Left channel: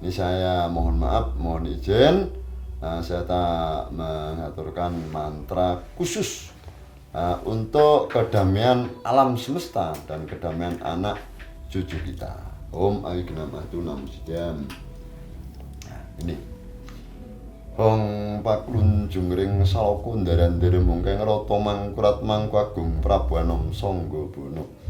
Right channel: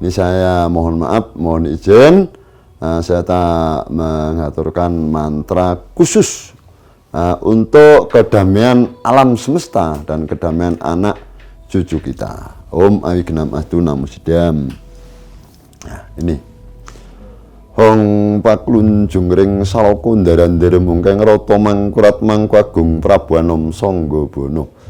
Ini saya mohon maaf, mohon izin, saya tak mengaturkan mantra khusus untuk kedamaian alam semesta dan kedamaian anak cucu kita. Om Awignam Astu Namo Siddham. Nah, ini. Hong paklunjung ring salaka ndaran-ndara mungkeng rata mangkurat mangkagung Prabu Anom Sanggabono.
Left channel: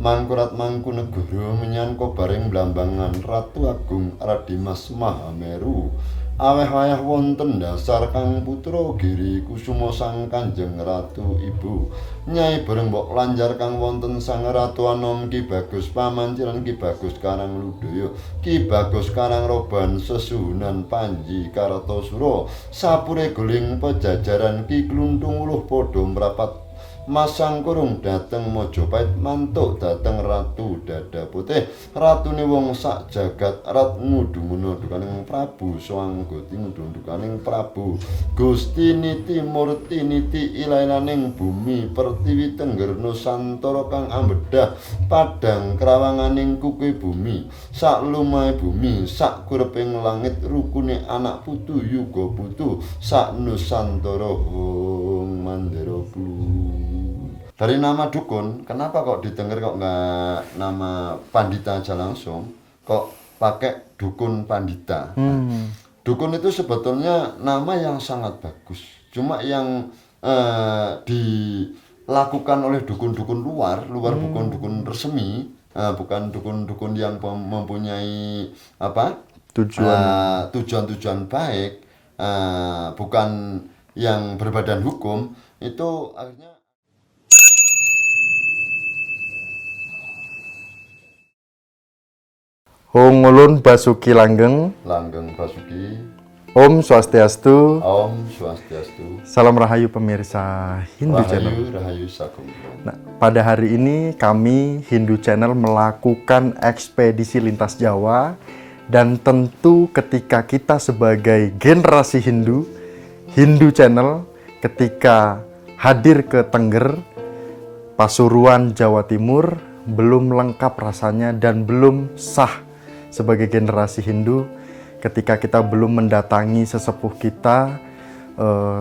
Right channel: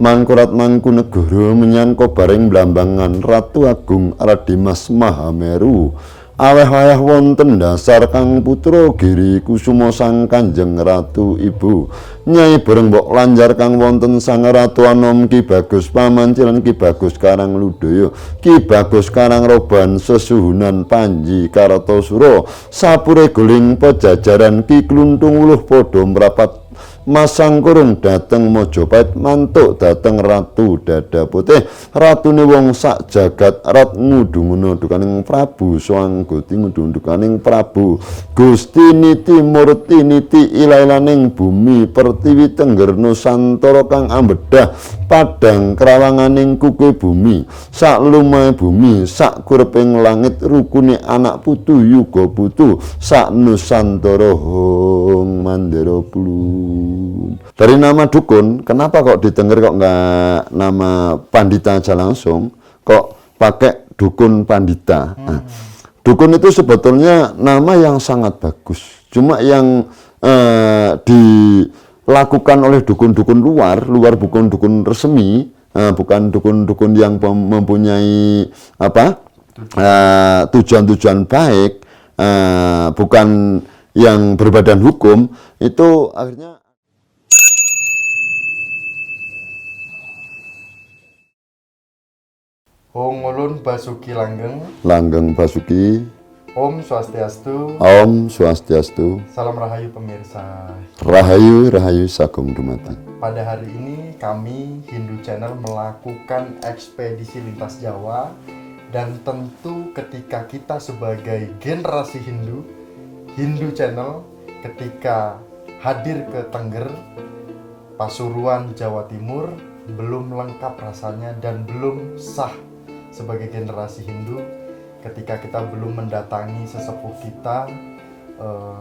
Mangkurat mangku negara menyan kobaring blambangan Ratu Agung Radimas Mahameru. Aweh-aweh wonten dasar Kang Putra Giri Kusuma Sang Kanjeng Ratu Ibu. Nyai bareng mbok lanjar kang wonten Sang Ratu Anom Ki Bagus Pamancilan Ki Bagus Karang Ludaya Ki Bagus Karang Roban Sesuhunan Panji Kartosura sapure guling pejajaran Ki Kluntung Uluh padha mrapat masang kurung dateng Mojopait mantuk dateng Ratu Dada Putih ratune wong sak jagat rat ngudung dukaning Prabu Swanggati ngudung dukaning Prabu Gusti Niti Murti Niti ilailaning bumi pertiwi tengger Nusantara kang ambedah padang krawanganing kuke bumi sak lumahe bumi sak kureping langit rukune anak putu yuga putu sak Nusantara hong mandara plun. Dari nama dukun, kenapa kok di Tengger kok nggak nama Pandita aja langsung, kok pakai dukun Pandita? Nah, dukun itu sebetulnya nama yang sangat bagus, cuma yang dilakukan oleh dukun-dukun luar bukan dukun resmi, bukan dukun-dukun yang mempunyai apa tujuan-tujuan baik, bukan yang berbadan hukum, itu akhirnya Hong Ulun Basuki Langgeng. Langgeng Basuki. Om Swastiastu. Om Swastiastu. Salam Rahayu pemirsa. Rahayu, Rahayu Sagung Dumateng. Pada hari ini kami Hindu Channel melakukan ekspedisi lintas Jawa. Dan tentu ketika kita sebagai generasi Hindu, Hindu Channel ketika hadir ke Tengger, Pasuruan, Jawa Timur, belum lengkap rasanya dan belum sah sebagai generasi Hindu ketika kita belum mendatangi sesepuh kita,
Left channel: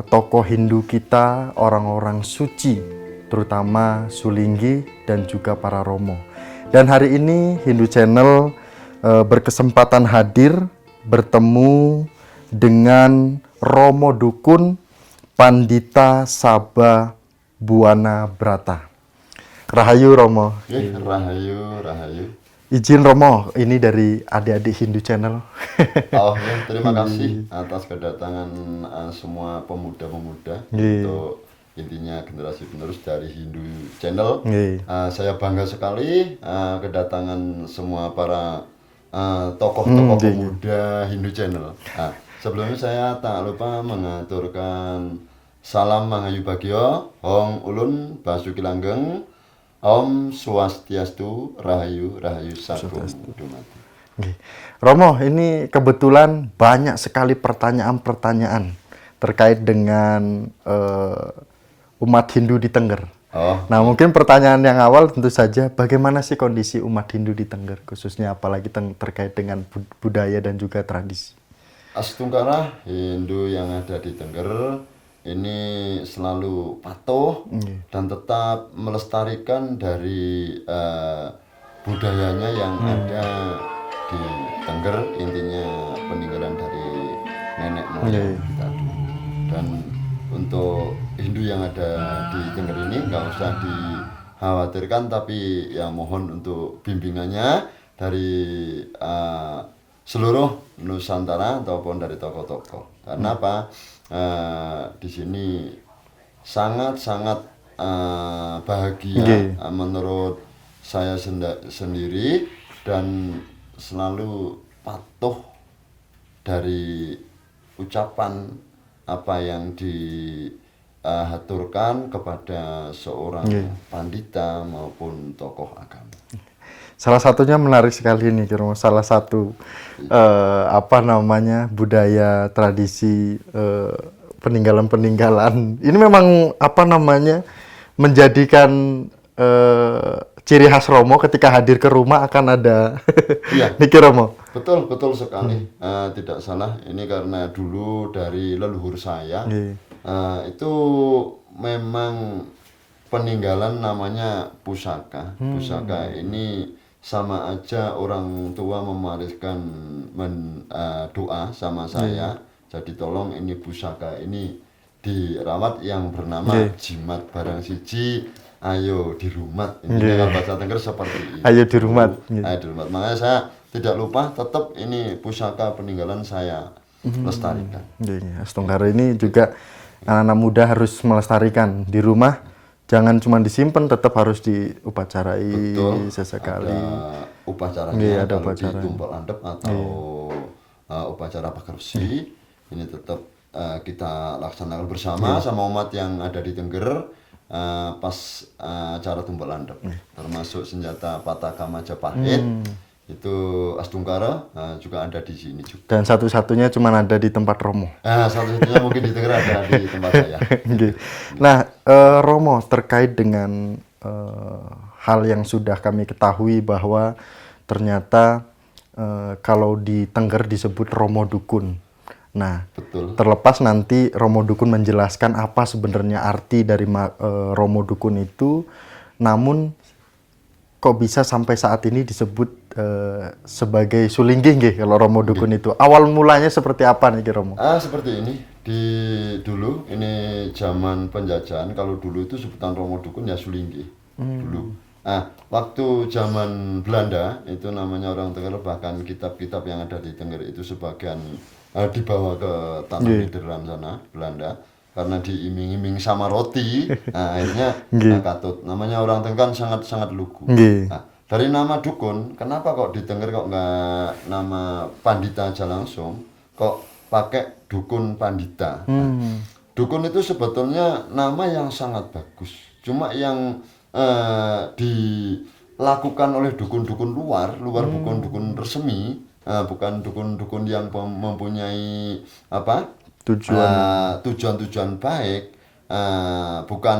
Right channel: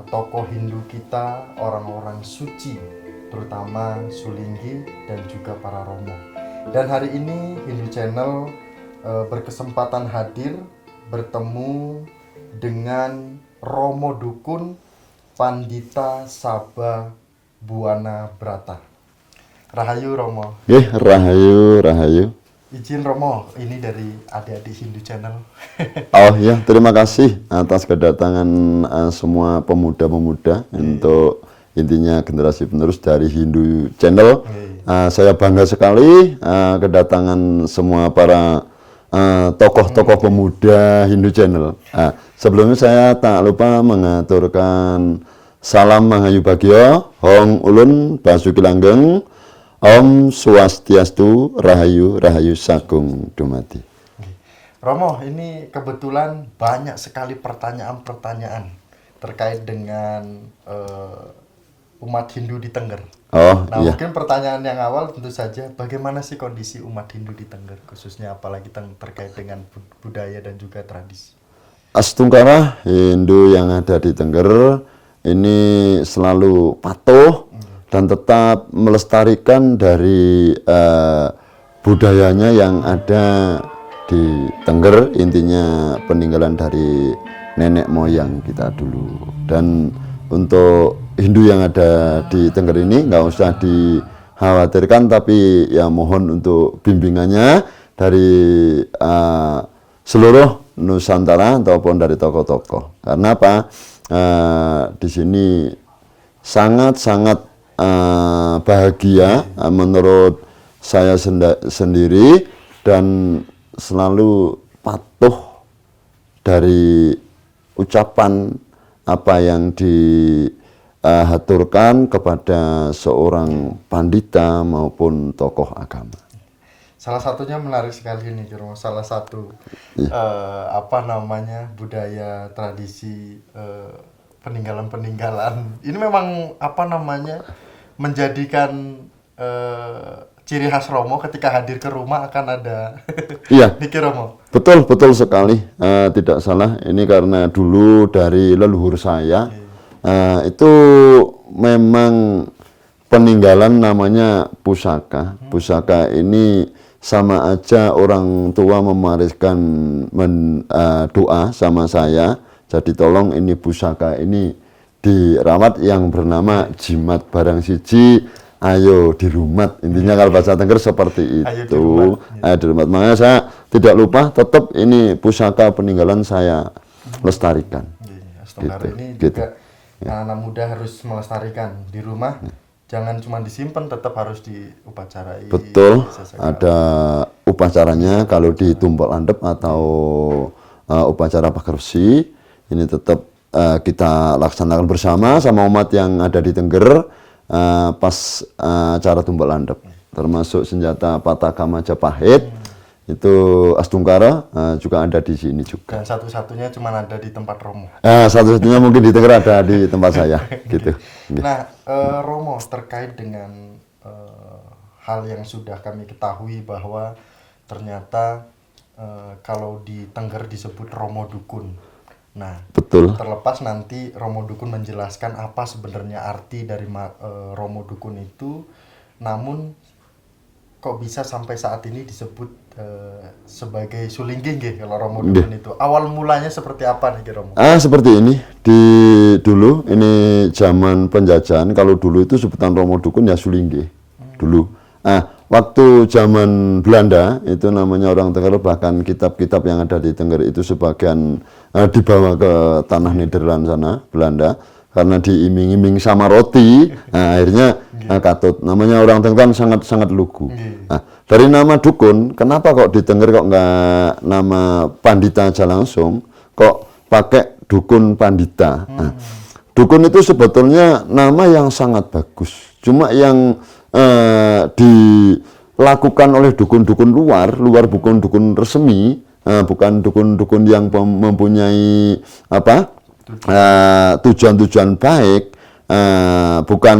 tokoh Hindu kita, orang-orang suci, terutama Sulinggi dan juga para Romo. Dan hari ini Hindu Channel berkesempatan hadir bertemu dengan Romo Dukun Pandita Sabah Buwana Brata. Rahayu Romo. Rahayu, Rahayu. Izin Romo, ini dari adik-adik Hindu Channel. Oh ya, terima kasih atas kedatangan semua pemuda-pemuda untuk intinya generasi penerus dari Hindu Channel. Saya bangga sekali kedatangan semua para tokoh-tokoh pemuda Hindu Channel. Sebelumnya saya tak lupa mengaturkan salam Mahayu Bagyo, Hong Ulun Basuki Langgeng. Om Swastiastu, Rahayu, Rahayu Sagung Dumadi. Romo, ini kebetulan banyak sekali pertanyaan-pertanyaan terkait dengan umat Hindu di Tengger. Iya. Mungkin pertanyaan yang awal tentu saja, bagaimana sih kondisi umat Hindu di Tengger, khususnya apalagi terkait dengan budaya dan juga tradisi? Astungkara Hindu yang ada di Tengger ini selalu patuh dan tetap melestarikan dari budayanya yang ada di Tengger, intinya peninggalan dari nenek moyang kita dulu. Dan untuk Hindu yang ada di Tengger ini nggak usah dikhawatirkan, tapi ya mohon untuk bimbingannya dari seluruh Nusantara ataupun dari tokoh-tokoh. Karena apa? Di sini sangat-sangat bahagia menurut saya sendiri dan selalu patuh dari ucapan apa yang dihaturkan kepada seorang pandita maupun tokoh agama. Salah satunya menarik sekali nih, salah satu budaya tradisi peninggalan-peninggalan. Ini memang menjadikan ciri khas Romo ketika hadir ke rumah akan ada. Iya. Niki Romo. Betul, betul sekali. Tidak salah. Ini karena dulu dari leluhur saya itu memang peninggalan namanya pusaka. Pusaka ini sama aja orang tua mewariskan doa sama saya. Jadi tolong ini pusaka ini dirawat yang bernama jimat barang siji. Ayo di rumah, intinya kalau bahasa Tengger seperti itu. Ayo di rumah. Ayo di rumah. Makanya saya tidak lupa, tetap ini pusaka peninggalan saya lestarikan. Astungkara ini juga anak-anak muda harus melestarikan di rumah. Jangan cuma disimpan, tetap harus diupacarai. Betul. Ada upacaranya kalau di tumpal landep atau upacara pagersi. Ini tetap kita laksanakan bersama sama umat yang ada di Tengger. Pas acara tumpal landep, termasuk senjata Pataka Majapahit, itu Astungkara juga ada di sini juga. Dan satu-satunya cuma ada di tempat Romo. Satu-satunya mungkin di Tengger ada di tempat saya. Gitu. Nah, Romo, terkait dengan hal yang sudah kami ketahui bahwa ternyata kalau di Tengger disebut Romo Dukun. Nah, betul. Terlepas nanti Romo Dukun menjelaskan apa sebenarnya arti dari Romo Dukun itu, namun kok bisa sampai saat ini disebut sebagai sulinggih nggih kalau Romo Dukun itu. Awal mulanya seperti apa nih Romo? Seperti ini. Dulu ini zaman penjajahan, kalau dulu itu sebutan Romo Dukun ya sulinggih. Dulu. Waktu zaman Belanda itu namanya orang Tengger, bahkan kitab-kitab yang ada di Tengger itu sebagian dibawa ke tanah Nederland sana, Belanda, karena diiming-iming sama roti, akhirnya katut. Namanya orang Tengger sangat lugu. Dari nama dukun, kenapa kok di Tengger kok nggak nama pandita aja langsung, kok pakai dukun pandita? Dukun itu sebetulnya nama yang sangat bagus, cuma yang dilakukan oleh dukun-dukun luar bukan dukun resmi. Bukan dukun-dukun yang mempunyai tujuan baik, bukan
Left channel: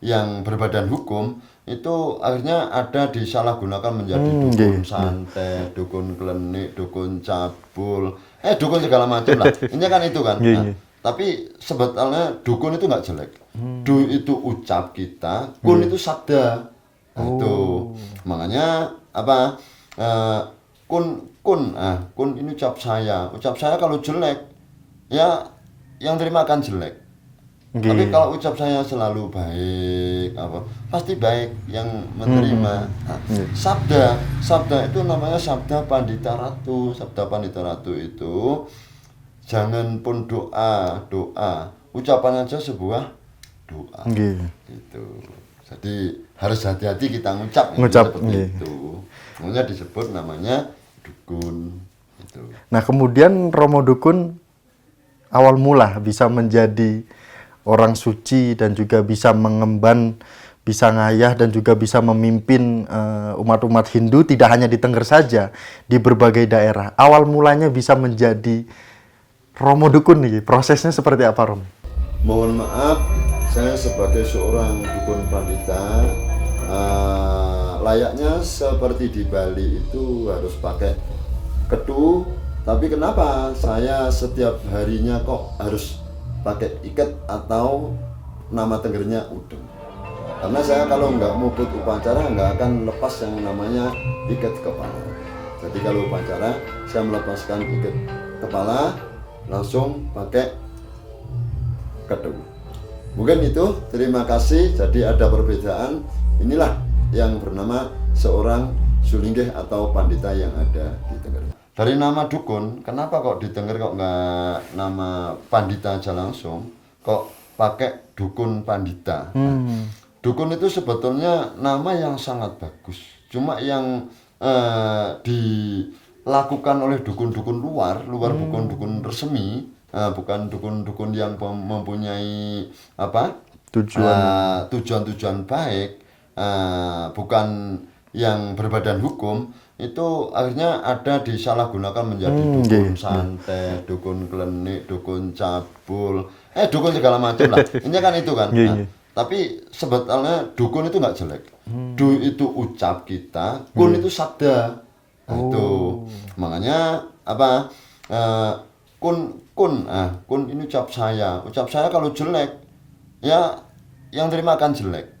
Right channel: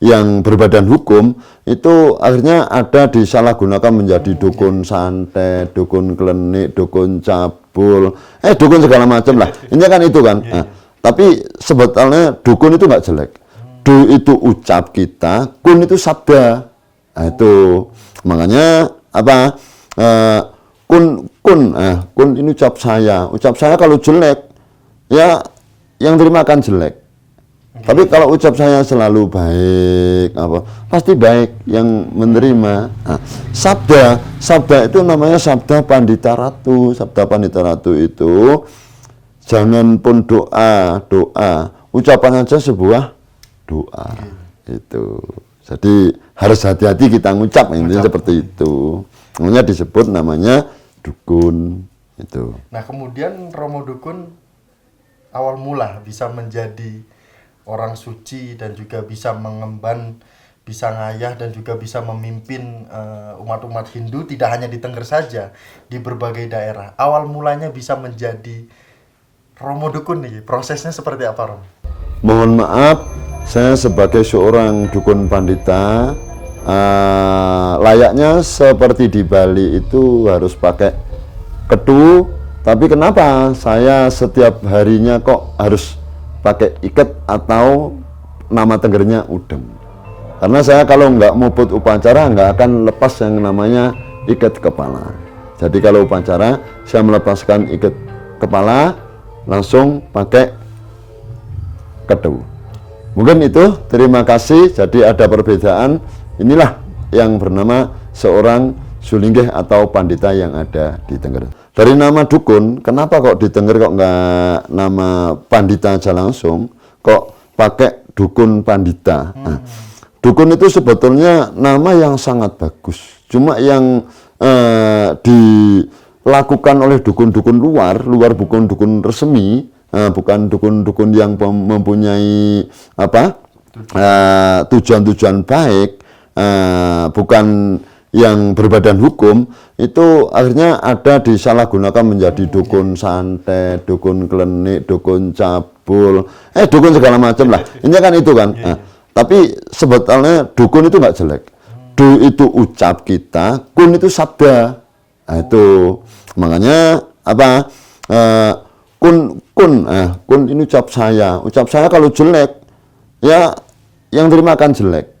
yang berbadan hukum, itu akhirnya ada disalahgunakan menjadi dukun santet, dukun klenik, dukun cabul, dukun segala macam lah. Ini kan itu kan. Tapi sebetulnya dukun itu nggak jelek. Du itu ucap kita, kun itu sabda. Itu makanya kun ini ucap saya kalau jelek ya yang terima akan jelek. Tapi kalau ucap saya selalu baik pasti baik yang menerima. Sabda itu namanya sabda Pandita Ratu. Sabda Pandita Ratu itu jangan pun doa ucapan aja sebuah doa. Itu jadi harus hati-hati kita ngucap seperti itu. Namanya disebut namanya dukun itu. Nah, kemudian Romo Dukun awal mula bisa menjadi orang suci dan juga bisa mengemban, bisa ngayah dan juga bisa memimpin umat-umat Hindu tidak hanya di Tengger saja, di berbagai daerah. Awal mulanya bisa menjadi Romo Dukun nih, prosesnya seperti apa, Romo? Mohon maaf, saya sebagai seorang dukun pandita layaknya seperti di Bali itu harus pakai ketu, tapi kenapa saya setiap harinya kok harus pakai iket atau nama Tenggernya udem? Karena saya kalau nggak muput upacara nggak akan lepas yang namanya iket kepala. Jadi kalau upacara saya melepaskan iket kepala langsung pakai ketu. Mungkin itu, terima kasih. Jadi ada perbedaan. Inilah yang bernama seorang sulinggih atau pandita yang ada di Tengger. Dari nama dukun, kenapa kok di Tengger kok nggak nama pandita aja langsung, kok pakai dukun pandita? Dukun itu sebetulnya nama yang sangat bagus, cuma yang dilakukan oleh dukun-dukun luar bukan dukun resmi, bukan dukun-dukun yang mempunyai tujuan baik, bukan yang berbadan hukum, itu akhirnya ada disalahgunakan menjadi dukun santet, dukun klenik, dukun cabul, dukun segala macam lah. Ini kan itu kan. Tapi sebetulnya dukun itu nggak jelek. Du itu ucap kita, kun itu sabda. Itu Makanya apa? Kun ini ucap saya kalau jelek ya yang terima akan jelek.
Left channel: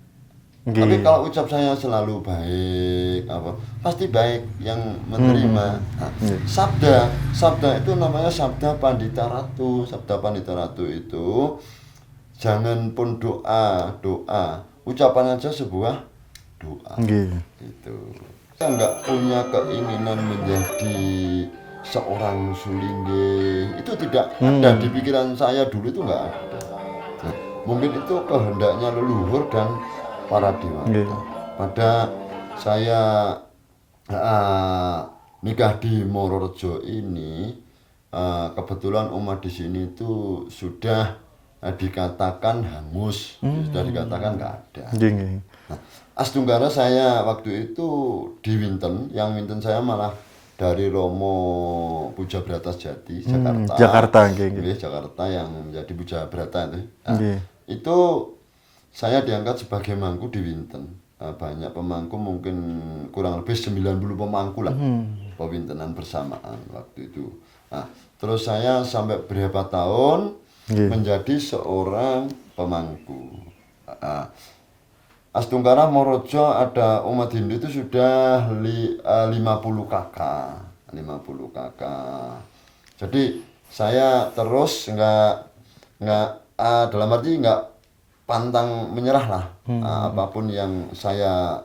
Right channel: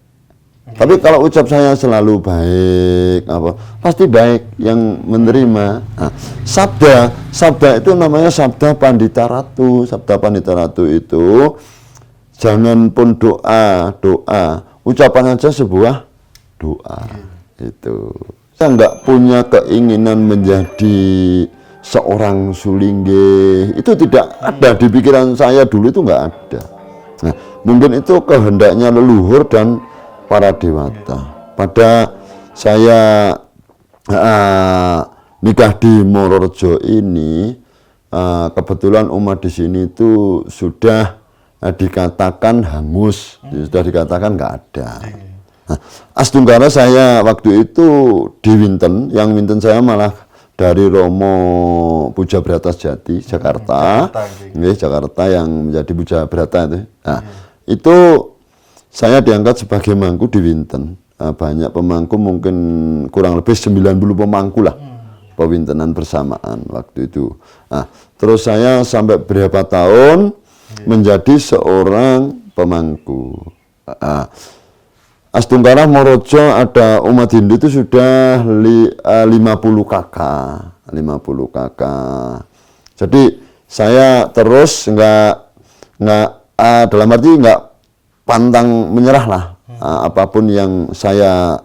Tapi kalau ucap saya selalu baik, pasti baik yang menerima. Nah, sabda itu namanya sabda Pandita Ratu. Sabda Pandita Ratu itu jangan pun doa, ucapan aja sebuah doa. Itu. Saya nggak punya keinginan menjadi seorang sulingge. Itu tidak ada di pikiran saya dulu, itu nggak ada. Nah, mungkin itu kehendaknya leluhur dan para dewata. Pada saya nikah di Mororejo ini, kebetulan umat di sini itu sudah dikatakan hangus, sudah dikatakan nggak ada. Nah, Astunggara saya waktu itu di Winten, yang Winten saya malah dari Romo Puja Brata Jati, Jakarta. Jakarta yang menjadi Puja Brata itu. Nah, itu saya diangkat sebagai mangku di Winten. Banyak pemangku, mungkin kurang lebih 90 pemangku lah. Pewintenan bersamaan waktu itu. Nah, terus saya sampai berapa tahun menjadi seorang pemangku. Astunggara Morojo ada umat Hindu itu sudah 50 kakak. Jadi saya terus dalam arti nggak pantang menyerah lah. Apapun yang saya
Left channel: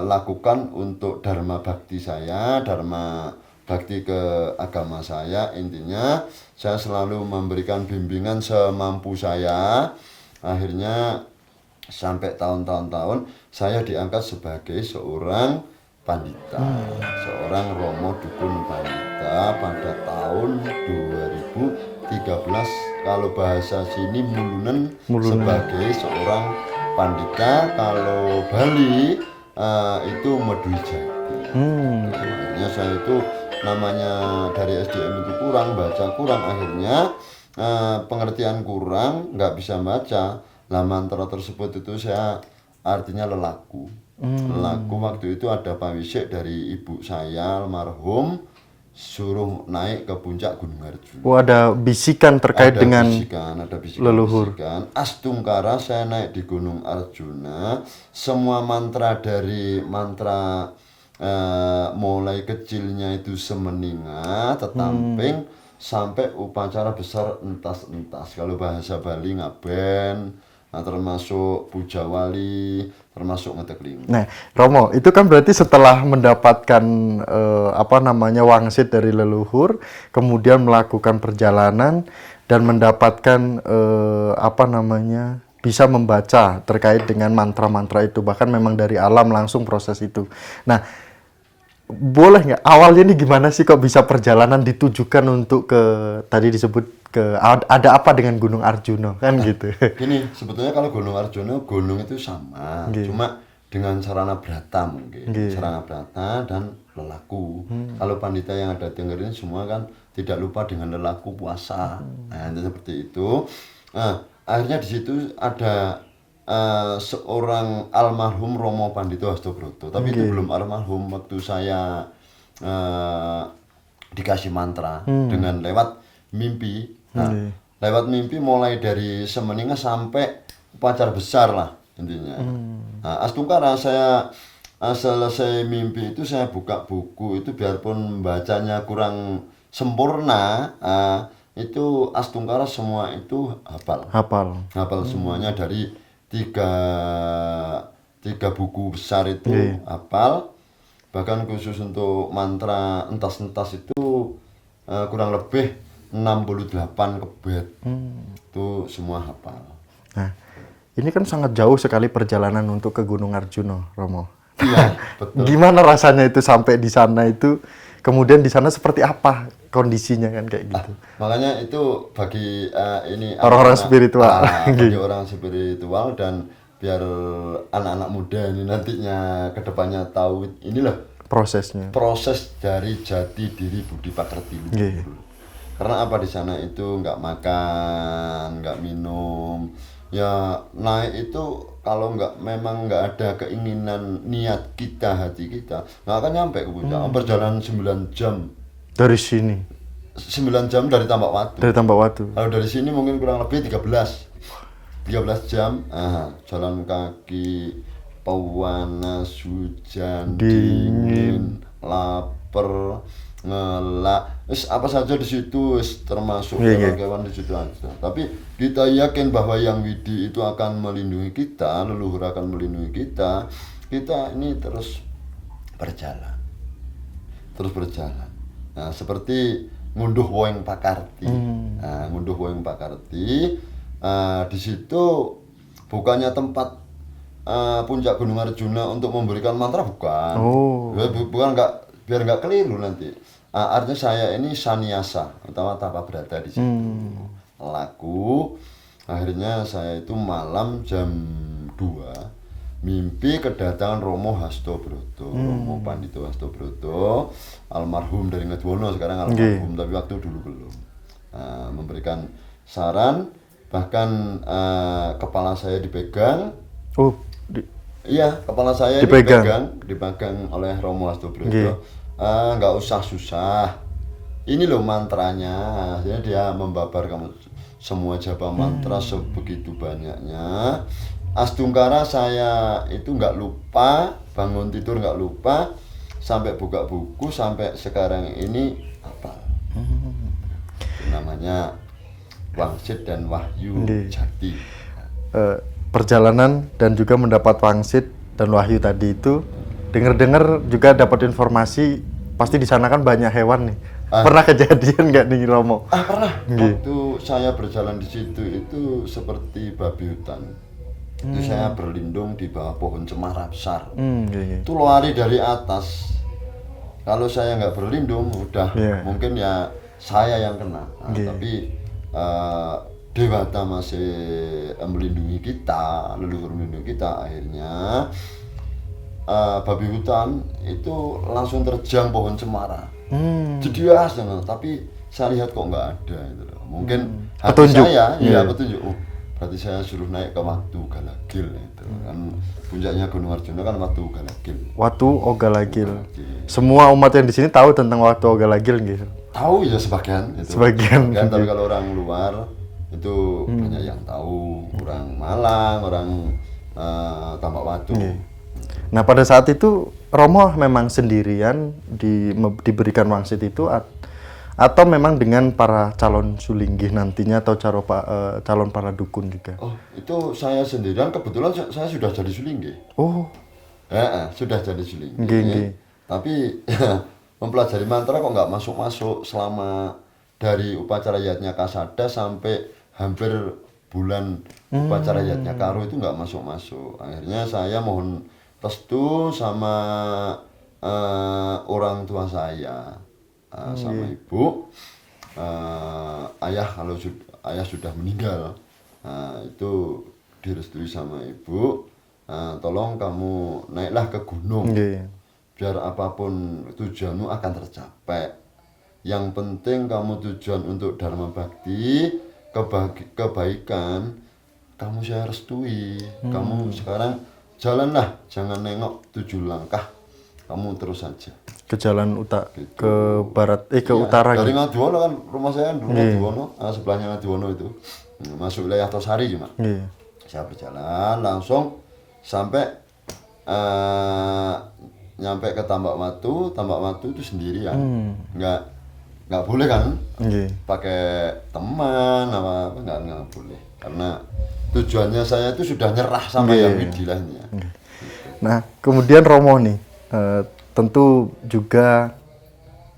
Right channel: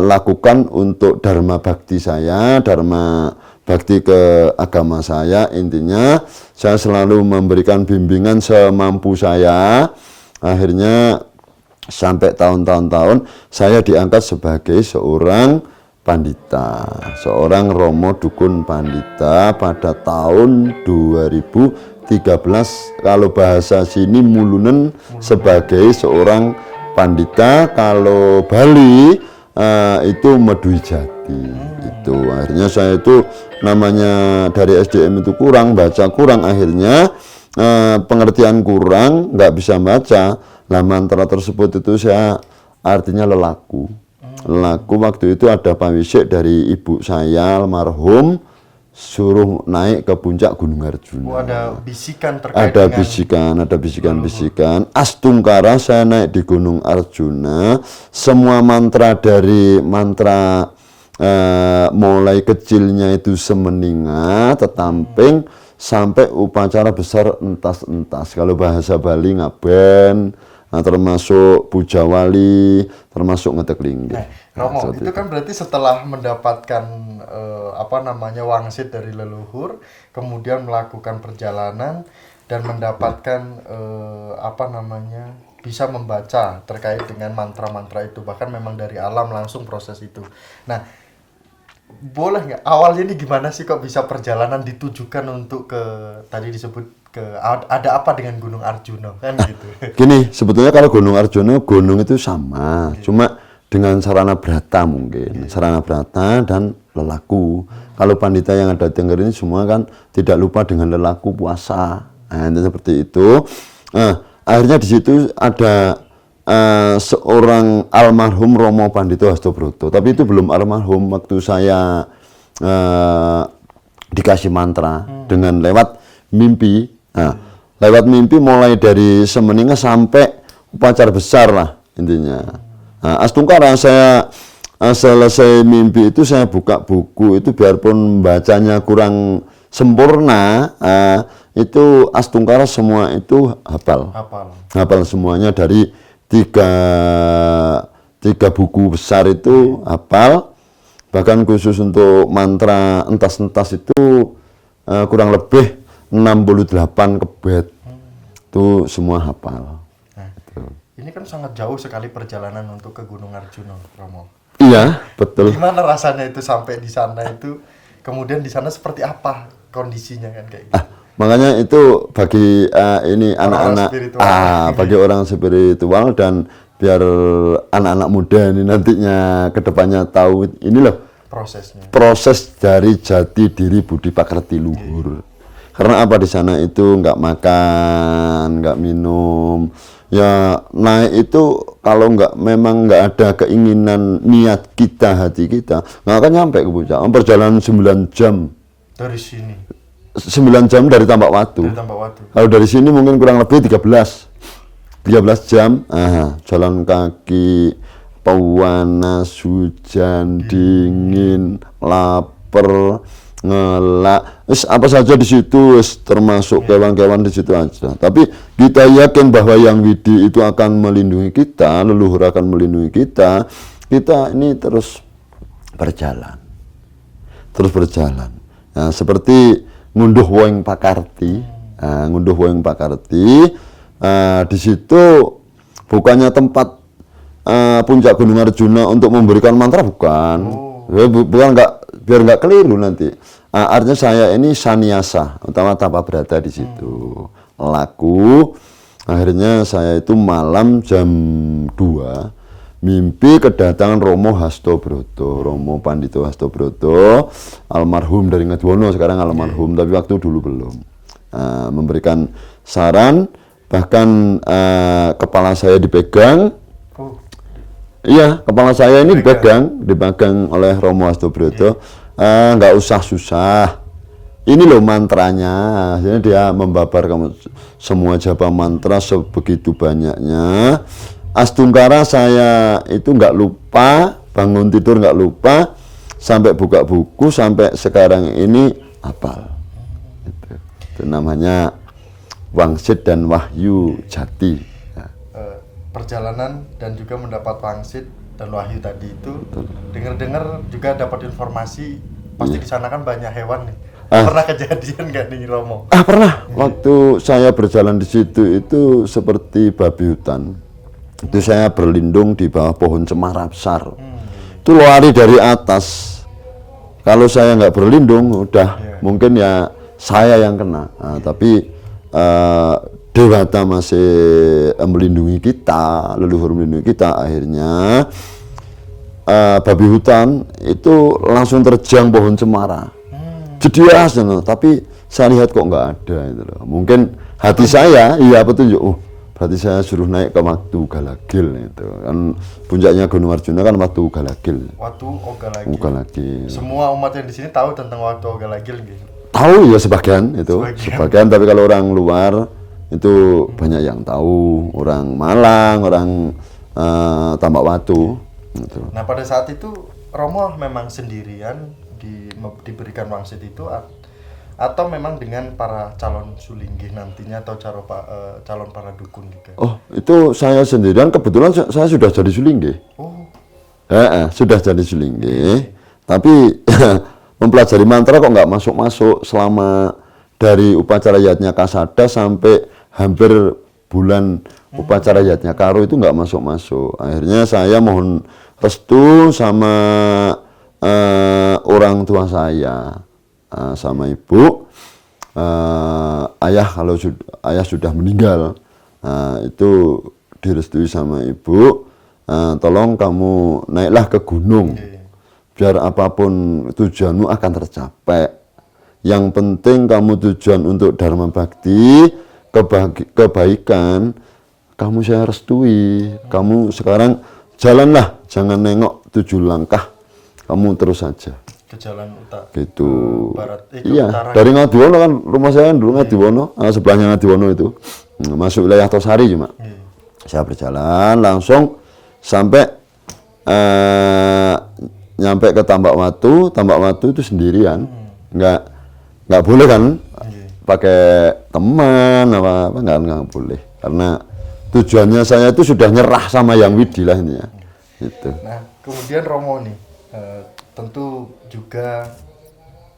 lakukan untuk dharma bakti saya, dharma bakti ke agama saya, intinya saya selalu memberikan bimbingan semampu saya. Akhirnya sampai tahun-tahun saya diangkat sebagai seorang pandita, seorang Romo Dukun Pandita pada tahun 2013, kalau bahasa sini mulunen sebagai seorang pandita, kalau Bali itu Medui Jati. Itu akhirnya saya itu namanya dari SDM itu kurang, baca kurang, akhirnya pengertian kurang, nggak bisa baca. Nah, mantra tersebut itu saya artinya lelaku. Lelaku waktu itu ada pawisik dari ibu saya almarhum, suruh naik ke puncak Gunung Arjuna. Ada bisikan terkait dengan ada bisikan. Astunggara saya naik di Gunung Arjuna, semua mantra dari mantra mulai kecilnya itu semeninga, tetamping sampai upacara besar entas-entas. Kalau bahasa Bali ngaben, termasuk puja wali, termasuk ngetekling. Nah, Romo, itu kan berarti setelah mendapatkan wangsit dari leluhur, kemudian melakukan perjalanan dan mendapatkan bisa membaca terkait dengan mantra-mantra itu, bahkan memang dari alam langsung proses itu. Nah, boleh nggak awalnya ini gimana sih kok bisa perjalanan ditujukan untuk tadi disebut ada apa dengan Gunung Arjuna kan gitu. Gini, sebetulnya kalau Gunung Arjuna, gunung itu sama, cuma dengan sarana brata mungkin, sarana brata dan lelaku. Kalau pandita yang ada di Tengger ini semua kan tidak lupa dengan lelaku puasa. Nah, itu seperti itu. Akhirnya di situ ada seorang almarhum Romo Pandito Hastobroto, tapi itu belum almarhum waktu saya dikasih mantra dengan lewat mimpi. Nah, lewat mimpi mulai dari semeninga sampai upacara besar lah intinya. Nah, Astunggara saya selesai mimpi itu saya buka buku itu, biarpun bacanya kurang sempurna, itu Astunggara semua itu hafal semuanya dari tiga buku besar itu hafal. Bahkan khusus untuk mantra entas-entas itu kurang lebih 68 kebet itu semua hafal. Nah, ini kan sangat jauh sekali perjalanan untuk ke Gunung Arjuna, Romo. Iya, betul. Gimana rasanya itu sampai di sana itu, kemudian di sana seperti apa kondisinya kan kayak gitu? Makanya itu bagi ini orang-orang spiritual, bagi orang spiritual, dan biar anak-anak muda ini nantinya kedepannya tahu ini loh proses dari jati diri budi pakrati luhur. Karena apa, di sana itu nggak makan, nggak minum, ya naik itu kalau memang nggak ada keinginan niat kita, hati kita nggak akan nyampe ke puncak. Perjalanan 9 jam Dari sini. 9 jam dari Tambak Watu. Dari Tambak Watu. Kalau dari sini mungkin kurang lebih 13 jam. Jalan kaki, panas, hujan, dingin, lapar, ngelak, apa saja di situ, termasuk kewan-kewan di situ aja. Tapi kita yakin bahwa Yang Widi itu akan melindungi kita, leluhur akan melindungi kita. Kita ini terus berjalan. Nah, seperti ngunduh Woeng Pakarti. Ngunduh Woeng Pakarti. Di situ bukannya tempat puncak Gunung Arjuna untuk memberikan mantra, bukan. Bukan, biar nggak keliru nanti. Artinya saya ini saniasa, utama tanpa berada di situ. Laku. Akhirnya saya itu malam jam 2 mimpi kedatangan Romo Hastobroto, Romo Pandito Hastobroto, almarhum dari Ngadiwono, sekarang almarhum, tapi waktu dulu belum. Memberikan saran, bahkan kepala saya dipegang. Iya, kepala saya ini dipegang oleh Romo Hastobroto. Nggak usah susah. Ini loh mantranya. Akhirnya dia membabar kamu semua japa mantra sebegitu banyaknya. Astungkara saya itu nggak lupa, bangun tidur nggak lupa, sampai buka buku, sampai sekarang ini hafal. Itu namanya Wangsit dan Wahyu Jati. Perjalanan dan juga mendapat wangsit dan wahyu tadi itu, dengar-dengar juga dapat informasi, pasti di sana kan banyak hewan nih. Pernah kejadian nggak nih Romo? Pernah. Waktu saya berjalan di situ itu seperti babi hutan. Itu saya berlindung di bawah pohon cemara besar. Itu lari dari atas. Kalau saya nggak berlindung, udah mungkin ya saya yang kena. Tapi Dewata masih melindungi kita, leluhur melindungi kita. Akhirnya babi hutan itu langsung terjang pohon cemara. Jedias, tapi saya lihat kok nggak ada. Gitu loh. Mungkin hati saya, petunjuk. Berarti saya suruh naik ke Watu Galagil itu kan, puncaknya Gunung Arjuna kan Watu Galagil. Watu Ogalagil. Semua umat yang di sini tahu tentang Watu Ogalagil gitu. Tahu ya sebagian itu. Sebagian, tapi kalau orang luar itu banyak yang tahu, orang Malang, orang Tambak Watu. Gitu. Nah, pada saat itu Romo memang sendirian diberikan wangsit itu, atau memang dengan para calon sulinggih nantinya, atau calon para dukun juga? Oh, itu saya sendirian. Kebetulan saya sudah jadi sulinggih. Sudah jadi sulinggih. Tapi mempelajari mantra kok nggak masuk-masuk selama dari upacara Yatnya Kasada sampai hampir bulan upacara Yatnya Karo itu nggak masuk-masuk. Akhirnya saya mohon restu sama orang tua saya. Sama ibu, ayah kalau ayah sudah meninggal, itu direstui sama ibu, tolong kamu naiklah ke gunung, biar apapun tujuanmu akan tercapai. Yang penting kamu tujuan untuk dharma bakti, kebaikan, kamu saya restui. Kamu sekarang jalanlah, jangan nengok 7 langkah, kamu terus saja. Ke jalan gitu. Ke barat, ke utara. Dari Ngadiwono kan, rumah saya kan dulu Ngadiwono, sebelahnya Ngadiwono itu, masuk wilayah Tosari cuma. Saya berjalan langsung sampai nyampe ke Tambak Watu. Tambak Watu itu sendirian, nggak boleh kan, pakai teman apa nggak boleh, karena tujuannya saya itu sudah nyerah sama Yang Widi lah ini ya. Gitu. Nah, kemudian Romo nih. Tentu juga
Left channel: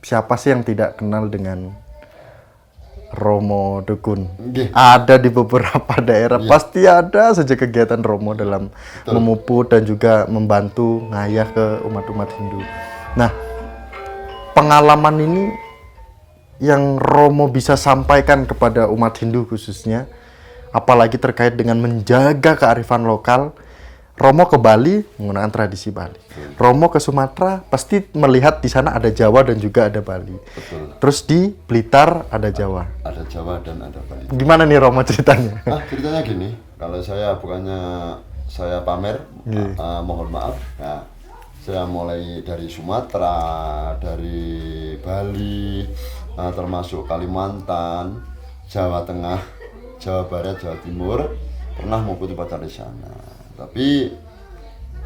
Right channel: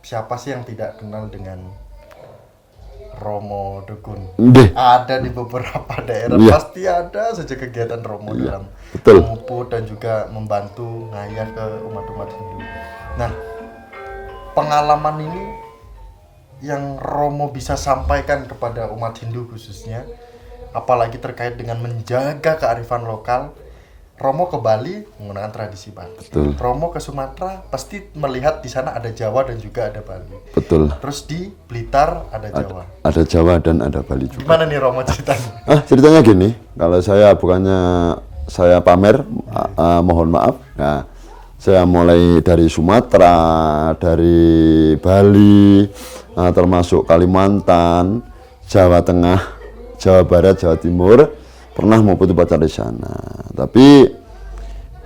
siapa sih yang tidak kenal dengan Romo Dukun? Ada di beberapa daerah, pasti ada saja kegiatan Romo dalam memuput dan juga membantu ngayah ke umat-umat Hindu. Nah, pengalaman ini yang Romo bisa sampaikan kepada umat Hindu khususnya, apalagi terkait dengan menjaga kearifan lokal. Romo ke Bali menggunakan tradisi Bali. Romo ke Sumatera pasti melihat di sana ada Jawa dan juga ada Bali. Terus di Blitar ada Jawa. Ada Jawa dan ada Bali. Gimana nih Romo ceritanya? Ceritanya gini, kalau saya bukannya saya pamer, mohon maaf. Nah, Saya mulai dari Sumatera, dari Bali, termasuk Kalimantan, Jawa Tengah, Jawa Barat, Jawa Timur, pernah mempunyai upacara di sana. Tapi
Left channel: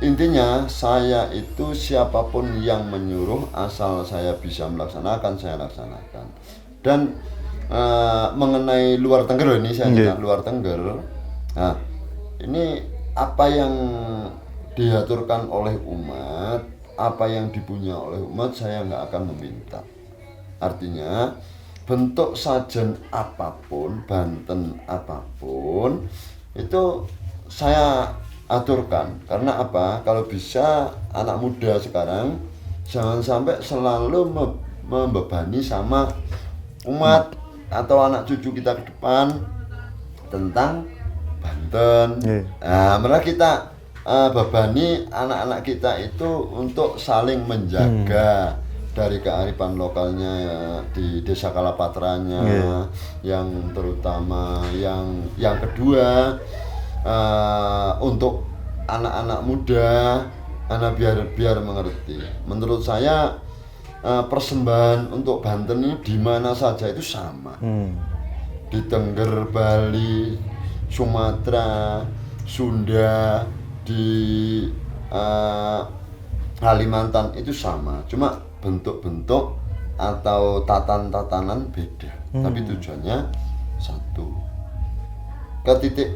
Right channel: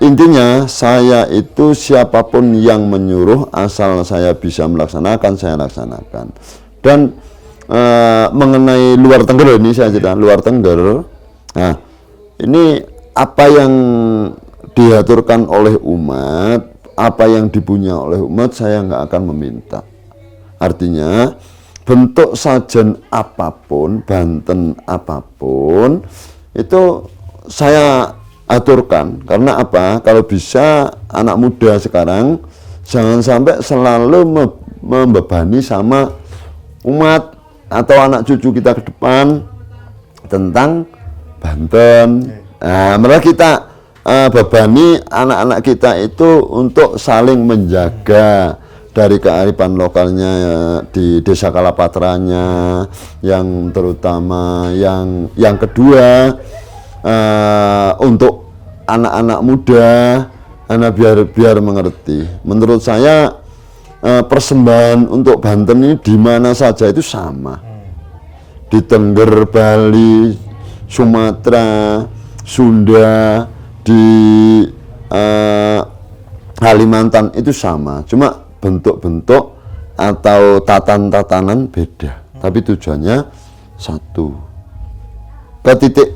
intinya saya itu siapapun yang menyuruh, asal saya bisa melaksanakan, saya laksanakan. Dan mengenai luar Tengger ini saya cerita, luar Tengger. Nah, ini apa yang diaturkan oleh umat, apa yang dipunya oleh umat, saya nggak akan meminta. Artinya bentuk sajen apapun, Banten apapun, itu saya aturkan. Karena apa? Kalau bisa anak muda sekarang jangan sampai selalu membebani sama umat atau anak cucu kita ke depan tentang Banten. Nah, malah kita bebani anak-anak kita itu untuk saling menjaga dari kearifan lokalnya di desa Kalapatranya, yang terutama yang kedua untuk anak-anak muda, biar mengerti. Menurut saya persembahan untuk Banten ini di mana saja itu sama, di Tengger, Bali, Sumatera, Sunda, di Kalimantan itu sama, cuma bentuk-bentuk atau tatanan beda, tapi tujuannya satu, ke titik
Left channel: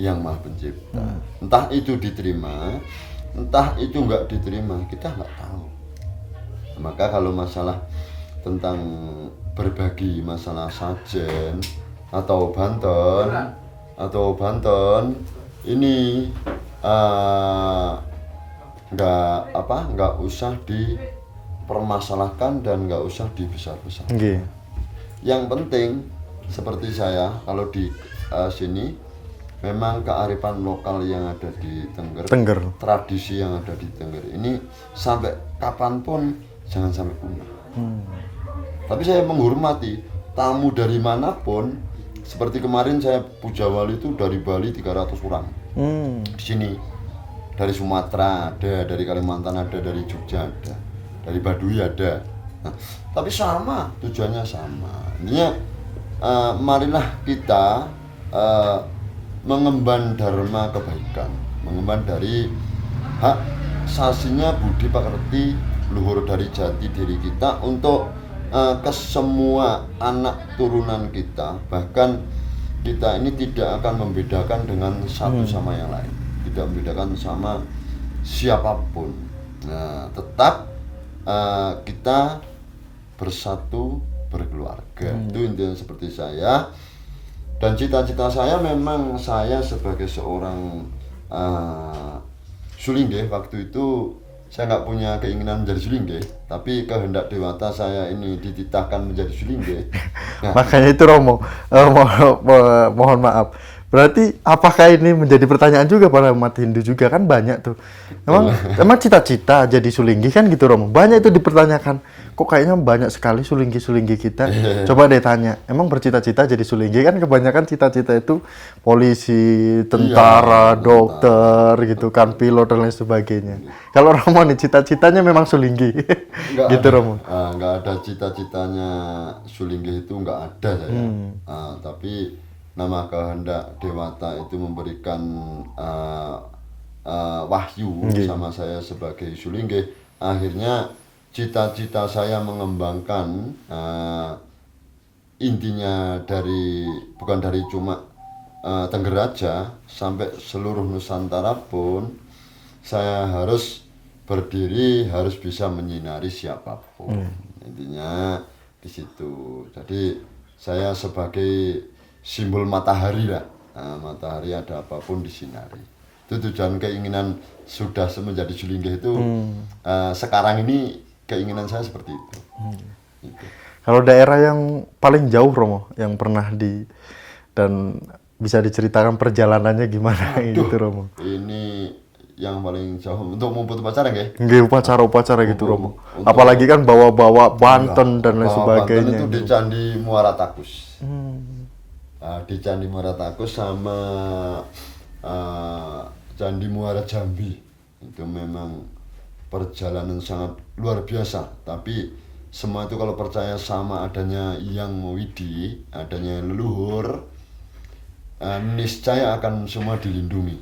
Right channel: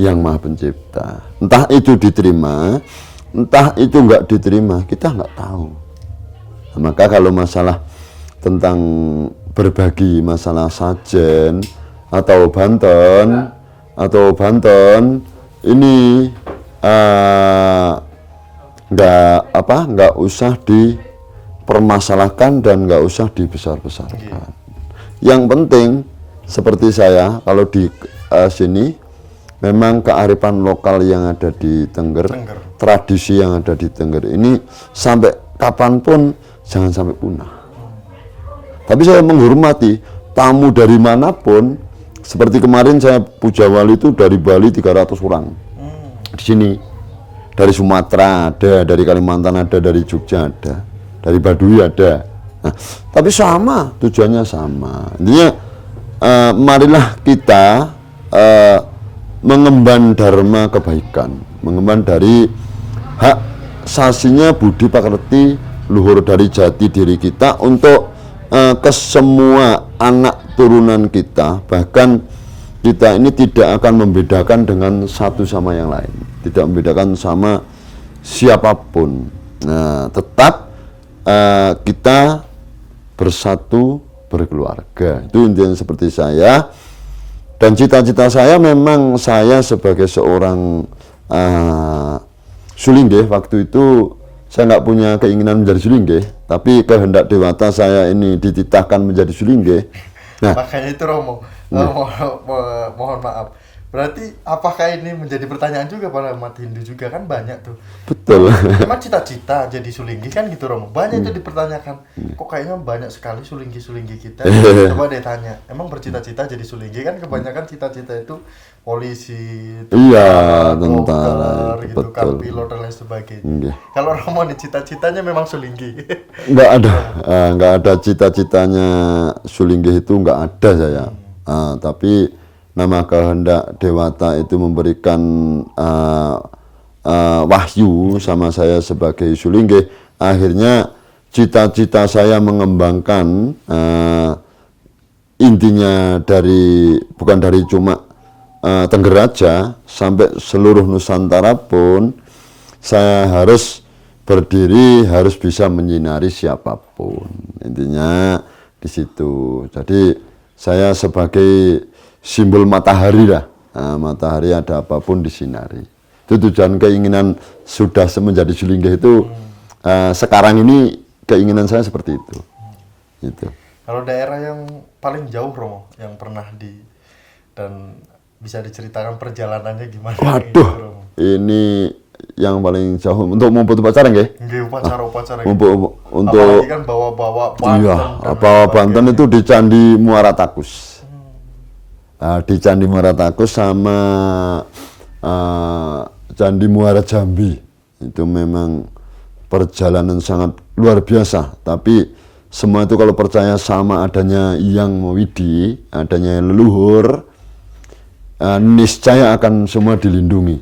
yang Maha Pencipta. Entah itu diterima, entah itu nggak diterima, kita nggak tahu. Nah, maka kalau masalah tentang berbagi masalah sajen atau Banten ini nggak usah dipermasalahkan dan nggak usah dibesar-besarkan. Yang penting seperti saya kalau di sini memang kearifan lokal yang ada di Tengger, tradisi yang ada di Tengger ini sampai kapanpun jangan sampai punah. Tapi saya menghormati tamu dari manapun. Seperti kemarin saya puja wali itu dari Bali 300 orang. Di sini dari Sumatera ada, dari Kalimantan ada, dari Jogja ada, dari Baduy ada. Nah, tapi sama, tujuannya sama. Intinya marilah kita mengemban dharma kebaikan, mengemban dari hak sasinya budi pakerti luhur dari jati diri kita untuk ke semua anak turunan kita. Bahkan kita ini tidak akan membedakan dengan satu sama yang lain, tidak membedakan sama siapapun. Nah, tetap kita bersatu berkeluarga. Itu intinya seperti saya. Dan cita-cita saya memang saya sebagai seorang Sulingge, waktu itu saya nggak punya keinginan menjadi Sulingge, tapi kehendak Dewata saya ini dititahkan menjadi Sulingge. Nah, makanya itu Romo, mohon maaf. Berarti apakah ini menjadi pertanyaan juga pada umat Hindu juga, kan banyak tuh. Betul. Emang cita-cita jadi Sulinggi kan gitu Romo. Banyak itu dipertanyakan. Kok kayaknya banyak sekali Sulinggi kita. Coba deh tanya. Emang bercita-cita jadi Sulinggi kan kebanyakan cita-cita itu polisi, tentara, dokter gitu kan, pilot dan lain sebagainya. Kalau Romo nih cita-citanya memang Sulinggi. Enggak ada. Enggak ada cita-citanya Sulinggi itu, enggak ada saya. Tapi nama kehendak Dewata itu memberikan wahyu sama saya sebagai Sulingge. Akhirnya cita-cita saya mengembangkan intinya bukan dari cuma Tengger aja, sampai seluruh Nusantara pun saya harus berdiri, harus bisa menyinari siapapun. Intinya di situ. Jadi saya sebagai simbol matahari lah. Nah, matahari ada apapun disinari. Itu tujuan keinginan sudah menjadi Sulingge itu. Sekarang ini keinginan saya seperti itu. Gitu. Kalau daerah yang paling jauh Romo, yang pernah dan bisa diceritakan perjalanannya gimana? Waduh, gitu, Romo? Ini yang paling jauh untuk membuat upacara nggih? Nggih, upacara gitu. Untuk apalagi kan bawa-bawa Banten dan bawa Banten itu di Candi Muara Takus. Nah, di Candi Muara Takus sama Candi Muara Jambi itu memang perjalanan sangat luar biasa. Tapi semua itu kalau percaya sama adanya Yang Widi, adanya leluhur, niscaya akan semua dilindungi,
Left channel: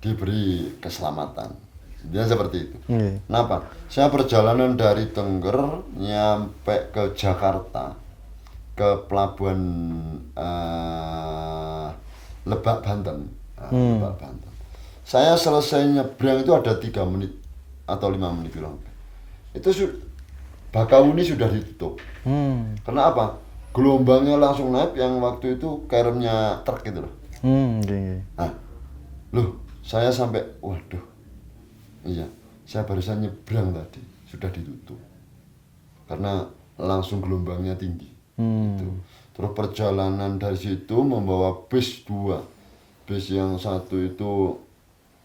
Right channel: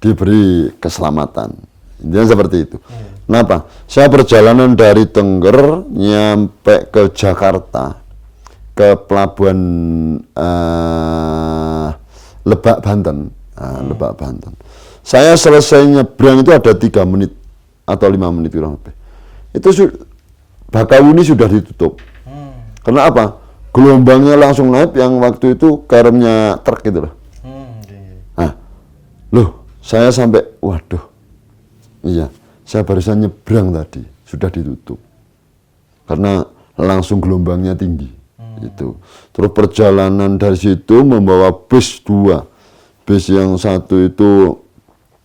diberi keselamatan. Intinya seperti itu. Kenapa? Saya perjalanan dari Tengger nyampe ke Jakarta, ke pelabuhan Lebak Banten. Lebak Banten. Saya selesai nyebrang itu ada 3 menit atau 5 menit kurang lebih. Itu Bakahuni sudah ditutup. Karena apa? Gelombangnya langsung naik yang waktu itu garamnya truk gitu loh. Nah, loh, saya sampai, waduh. Iya, saya barusan nyebrang tadi, sudah ditutup. Karena langsung gelombangnya tinggi. Itu. Terus perjalanan dari situ membawa bus 2. Bus yang satu itu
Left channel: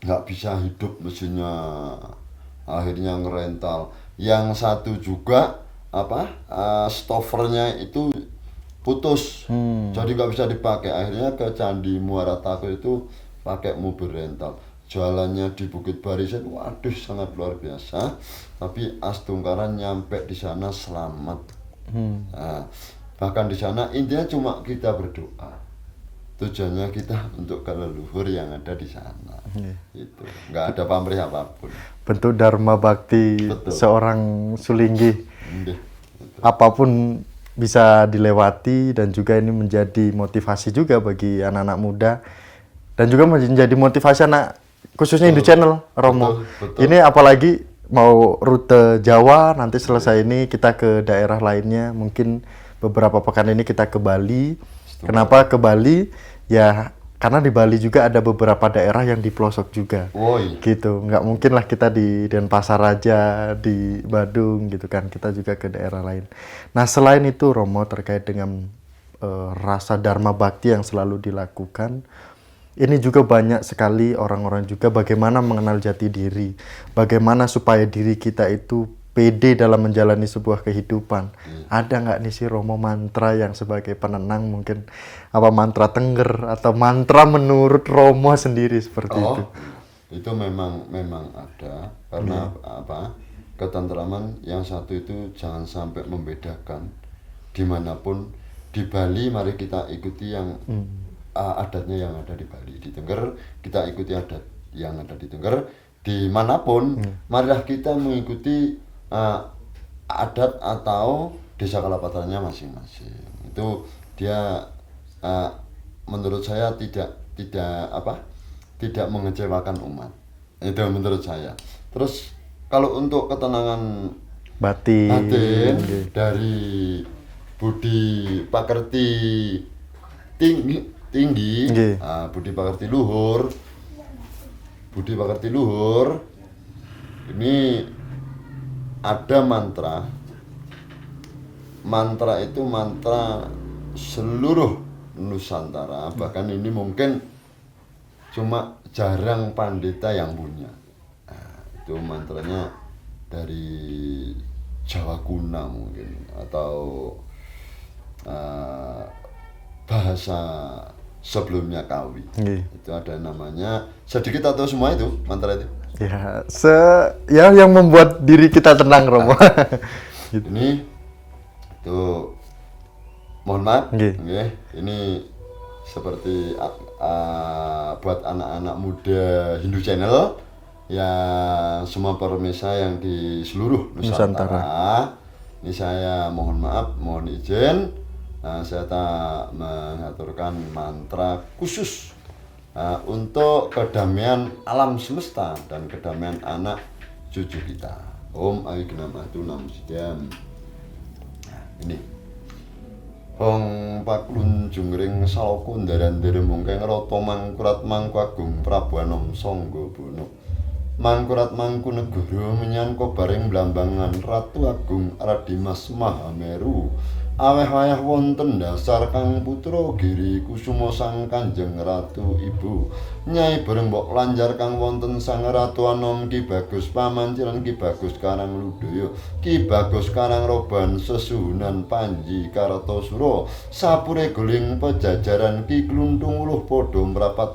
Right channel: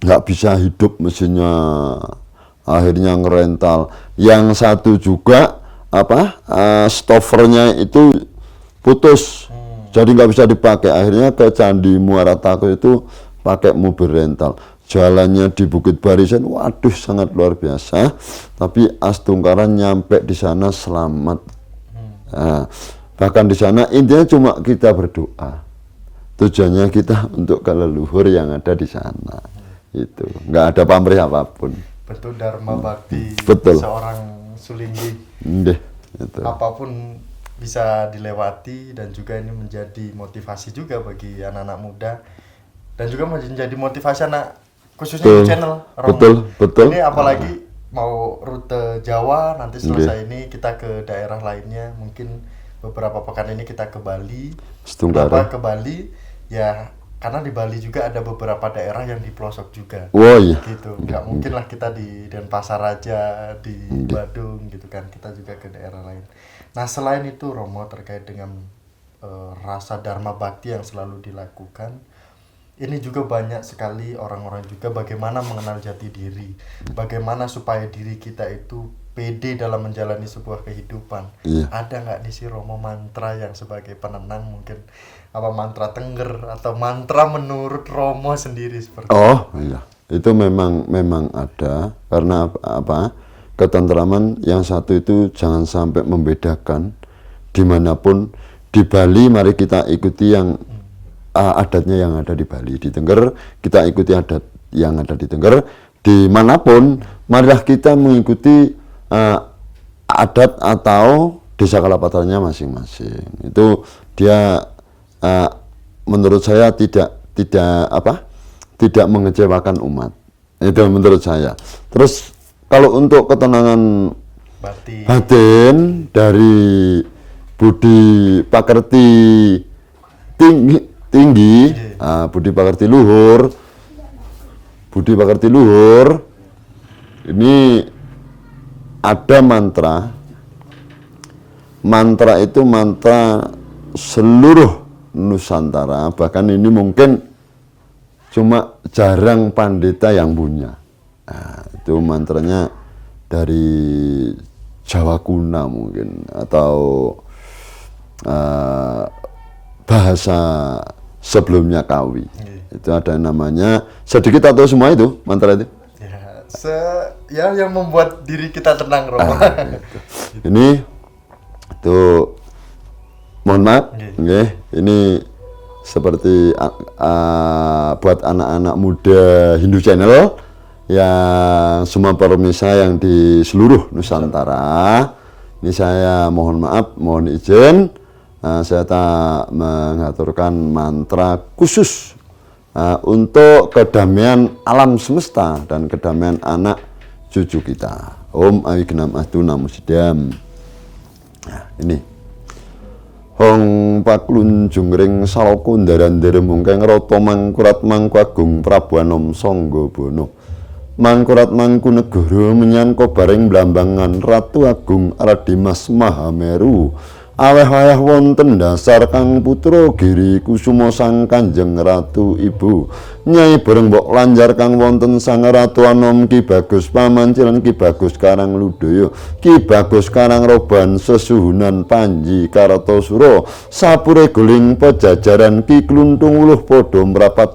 nggak bisa hidup mesinnya, akhirnya ngerental. Yang satu juga stoppernya itu putus, jadi nggak bisa dipakai. Akhirnya ke Candi Muara Tako itu pakai mobil rental. Jalannya di Bukit Barisan, waduh sangat luar biasa. Tapi Astungkaran nyampe di sana selamat. Nah, bahkan di sana intinya cuma kita berdoa. Tujuannya kita untuk ke leluhur yang ada di sana. Itu nggak ada pamrih apapun. Bentuk dharma bakti seorang Sulinggi. Itu. Apapun bisa dilewati dan juga ini menjadi motivasi juga bagi anak-anak muda dan juga menjadi motivasi anak khususnya di channel Romo. Betul. Ini apalagi mau rute Jawa, nanti selesai ini kita ke daerah lainnya, mungkin beberapa pekan ini kita ke Bali. Kenapa ke Bali? Ya karena di Bali juga ada beberapa daerah yang di pelosok juga. Iya. Gitu, nggak mungkin lah kita di Denpasar aja, di Badung gitu kan, kita juga ke daerah lain. Nah selain itu Romo, terkait dengan rasa dharma bakti yang selalu dilakukan, ini juga banyak sekali orang-orang juga bagaimana mengenal jati diri, bagaimana supaya diri kita itu pede dalam menjalani sebuah kehidupan. Ada nggak nih si Romo mantra yang sebagai penenang, mungkin apa mantra Tengger atau mantra menurut Romo sendiri seperti itu? Iya. Itu memang ada, karena apa? Ketentraman yang satu itu jangan sampai membedakan dimanapun. Di Bali mari kita ikuti yang adatnya yang ada di Bali. Di Tengger kita ikuti adat yang ada di Tengger. Dimanapun marilah kita mengikuti adat atau desa kalapatannya masing-masing. Itu dia menurut saya tidak mengecewakan umat. Itu menurut saya. Terus kalau untuk ketenangan batin dari budi pakerti tinggi, budi pakerti luhur, ini ada mantra itu mantra seluruh Nusantara, bahkan ini mungkin cuma jarang pandita yang punya. Nah, itu mantranya dari Jawa kuna mungkin, atau bahasa sebelumnya Kawi. Itu ada namanya, sedikit atau semua itu mantra itu? Ya, yang membuat diri kita tenang, Romo. Gitu. Ini itu mohon maaf, ini seperti buat anak-anak muda Hindu Channel yang semua pemirsa yang di seluruh Nusantara. Ini saya mohon maaf, mohon izin, saya tak mengaturkan mantra khusus untuk kedamaian alam semesta dan kedamaian anak cucu kita. Om Awignam Astu Namo Sidam. Nah, ini Hong paklun jungring saloku ndaran-ndara mungkeng rata mangkurat mangku agung Prabu Anom Sangga Bono. Mangkurat mangku negara menyangka bareng blambangan Ratu Agung Radimas Mahameru. Aweh-aweh wonten dasar Kang Putra Giri Kusuma Sang Kanjeng Ratu Ibu. Nyai bareng mbok lanjar kang wonten Sang Ratu Anom Ki Bagus Pamancilan Ki Bagus Karang Ludaya Ki Bagus Karang Roban Sesuhunan Panji Kartosuro sapure guling pejajaran Ki Kluntung Uluh padha mrapat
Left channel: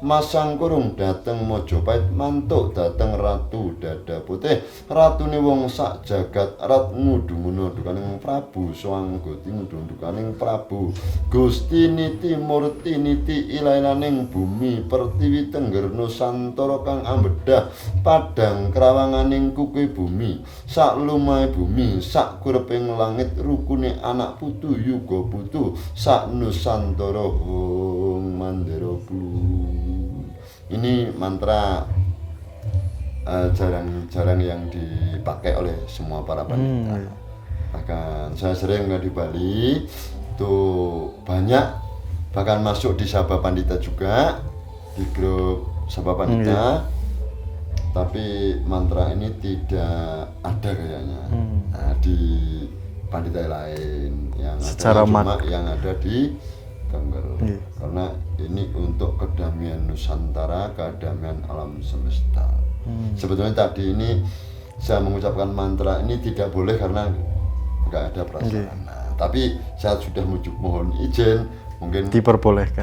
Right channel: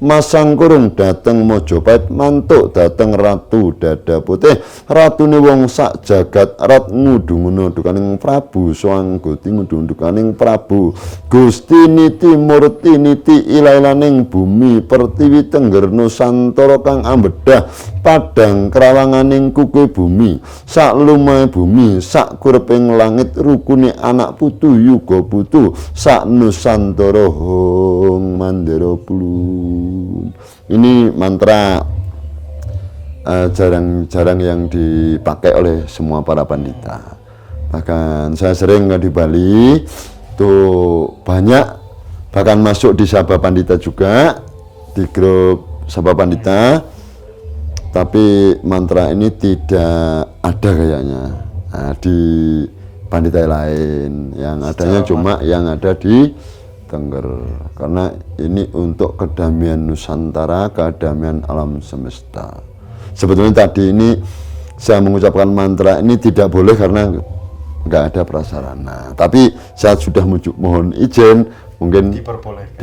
masang kurung dateng Mojopait, mantuk dateng Ratu Dada Putih, ratune wong sak jagat rat ngudung dukaning Prabu Swanggoti ngudung dukaning Prabu Gusti Niti Murti Niti ilailaning bumi pertiwi tengger Nusantara kang ambedah padang krawanganing kuku bumi sak lumahe bumi sak kureping langit rukune anak putu yuga putu sak Nusantara hong mandara plun. Ini mantra jarang-jarang yang dipakai oleh semua para pandita. Bahkan saya sering di Bali tuh banyak, bahkan masuk di Sabha Pandita juga, di grup Sabha Pandita, tapi mantra ini tidak ada kayaknya di pandita lain. Yang adanya cuma yang ada di Tengger, karena ini untuk kedamaian Nusantara, kedamaian alam semesta. Sebetulnya tadi ini saya mengucapkan mantra ini tidak boleh karena nggak ada prasarana. Tapi saya sudah mohon izin, mungkin diperbolehkan.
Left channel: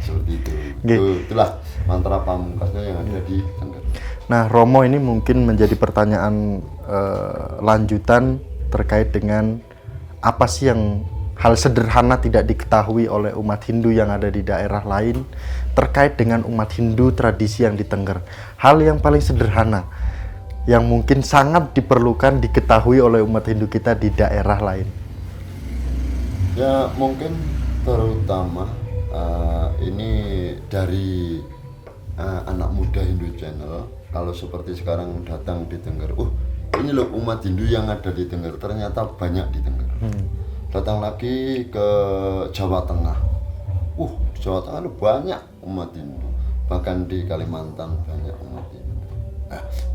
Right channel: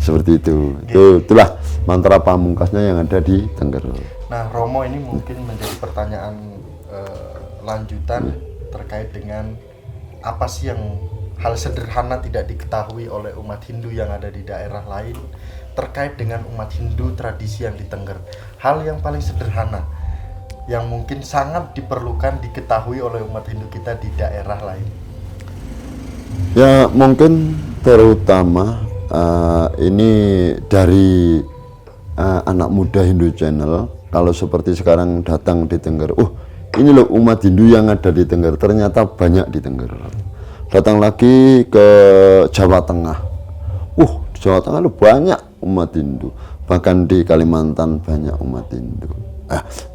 Seperti itu. Itulah mantra pamungkasnya yang ada di Tengger. Nah, Romo, ini mungkin menjadi pertanyaan lanjutan terkait dengan apa sih yang hal sederhana tidak diketahui oleh umat Hindu yang ada di daerah lain terkait dengan umat Hindu tradisi yang di Tengger. Hal yang paling sederhana yang mungkin sangat diperlukan diketahui oleh umat Hindu kita di daerah lain. Ya, mungkin terutama ini dari anak muda Hindu Channel. Kalau seperti sekarang datang di Tengger, ini loh umat Hindu yang ada di Tengger, ternyata banyak di Tengger. Datang lagi ke Jawa Tengah, di Jawa Tengah itu banyak umat Hindu, bahkan di Kalimantan banyak umat Hindu.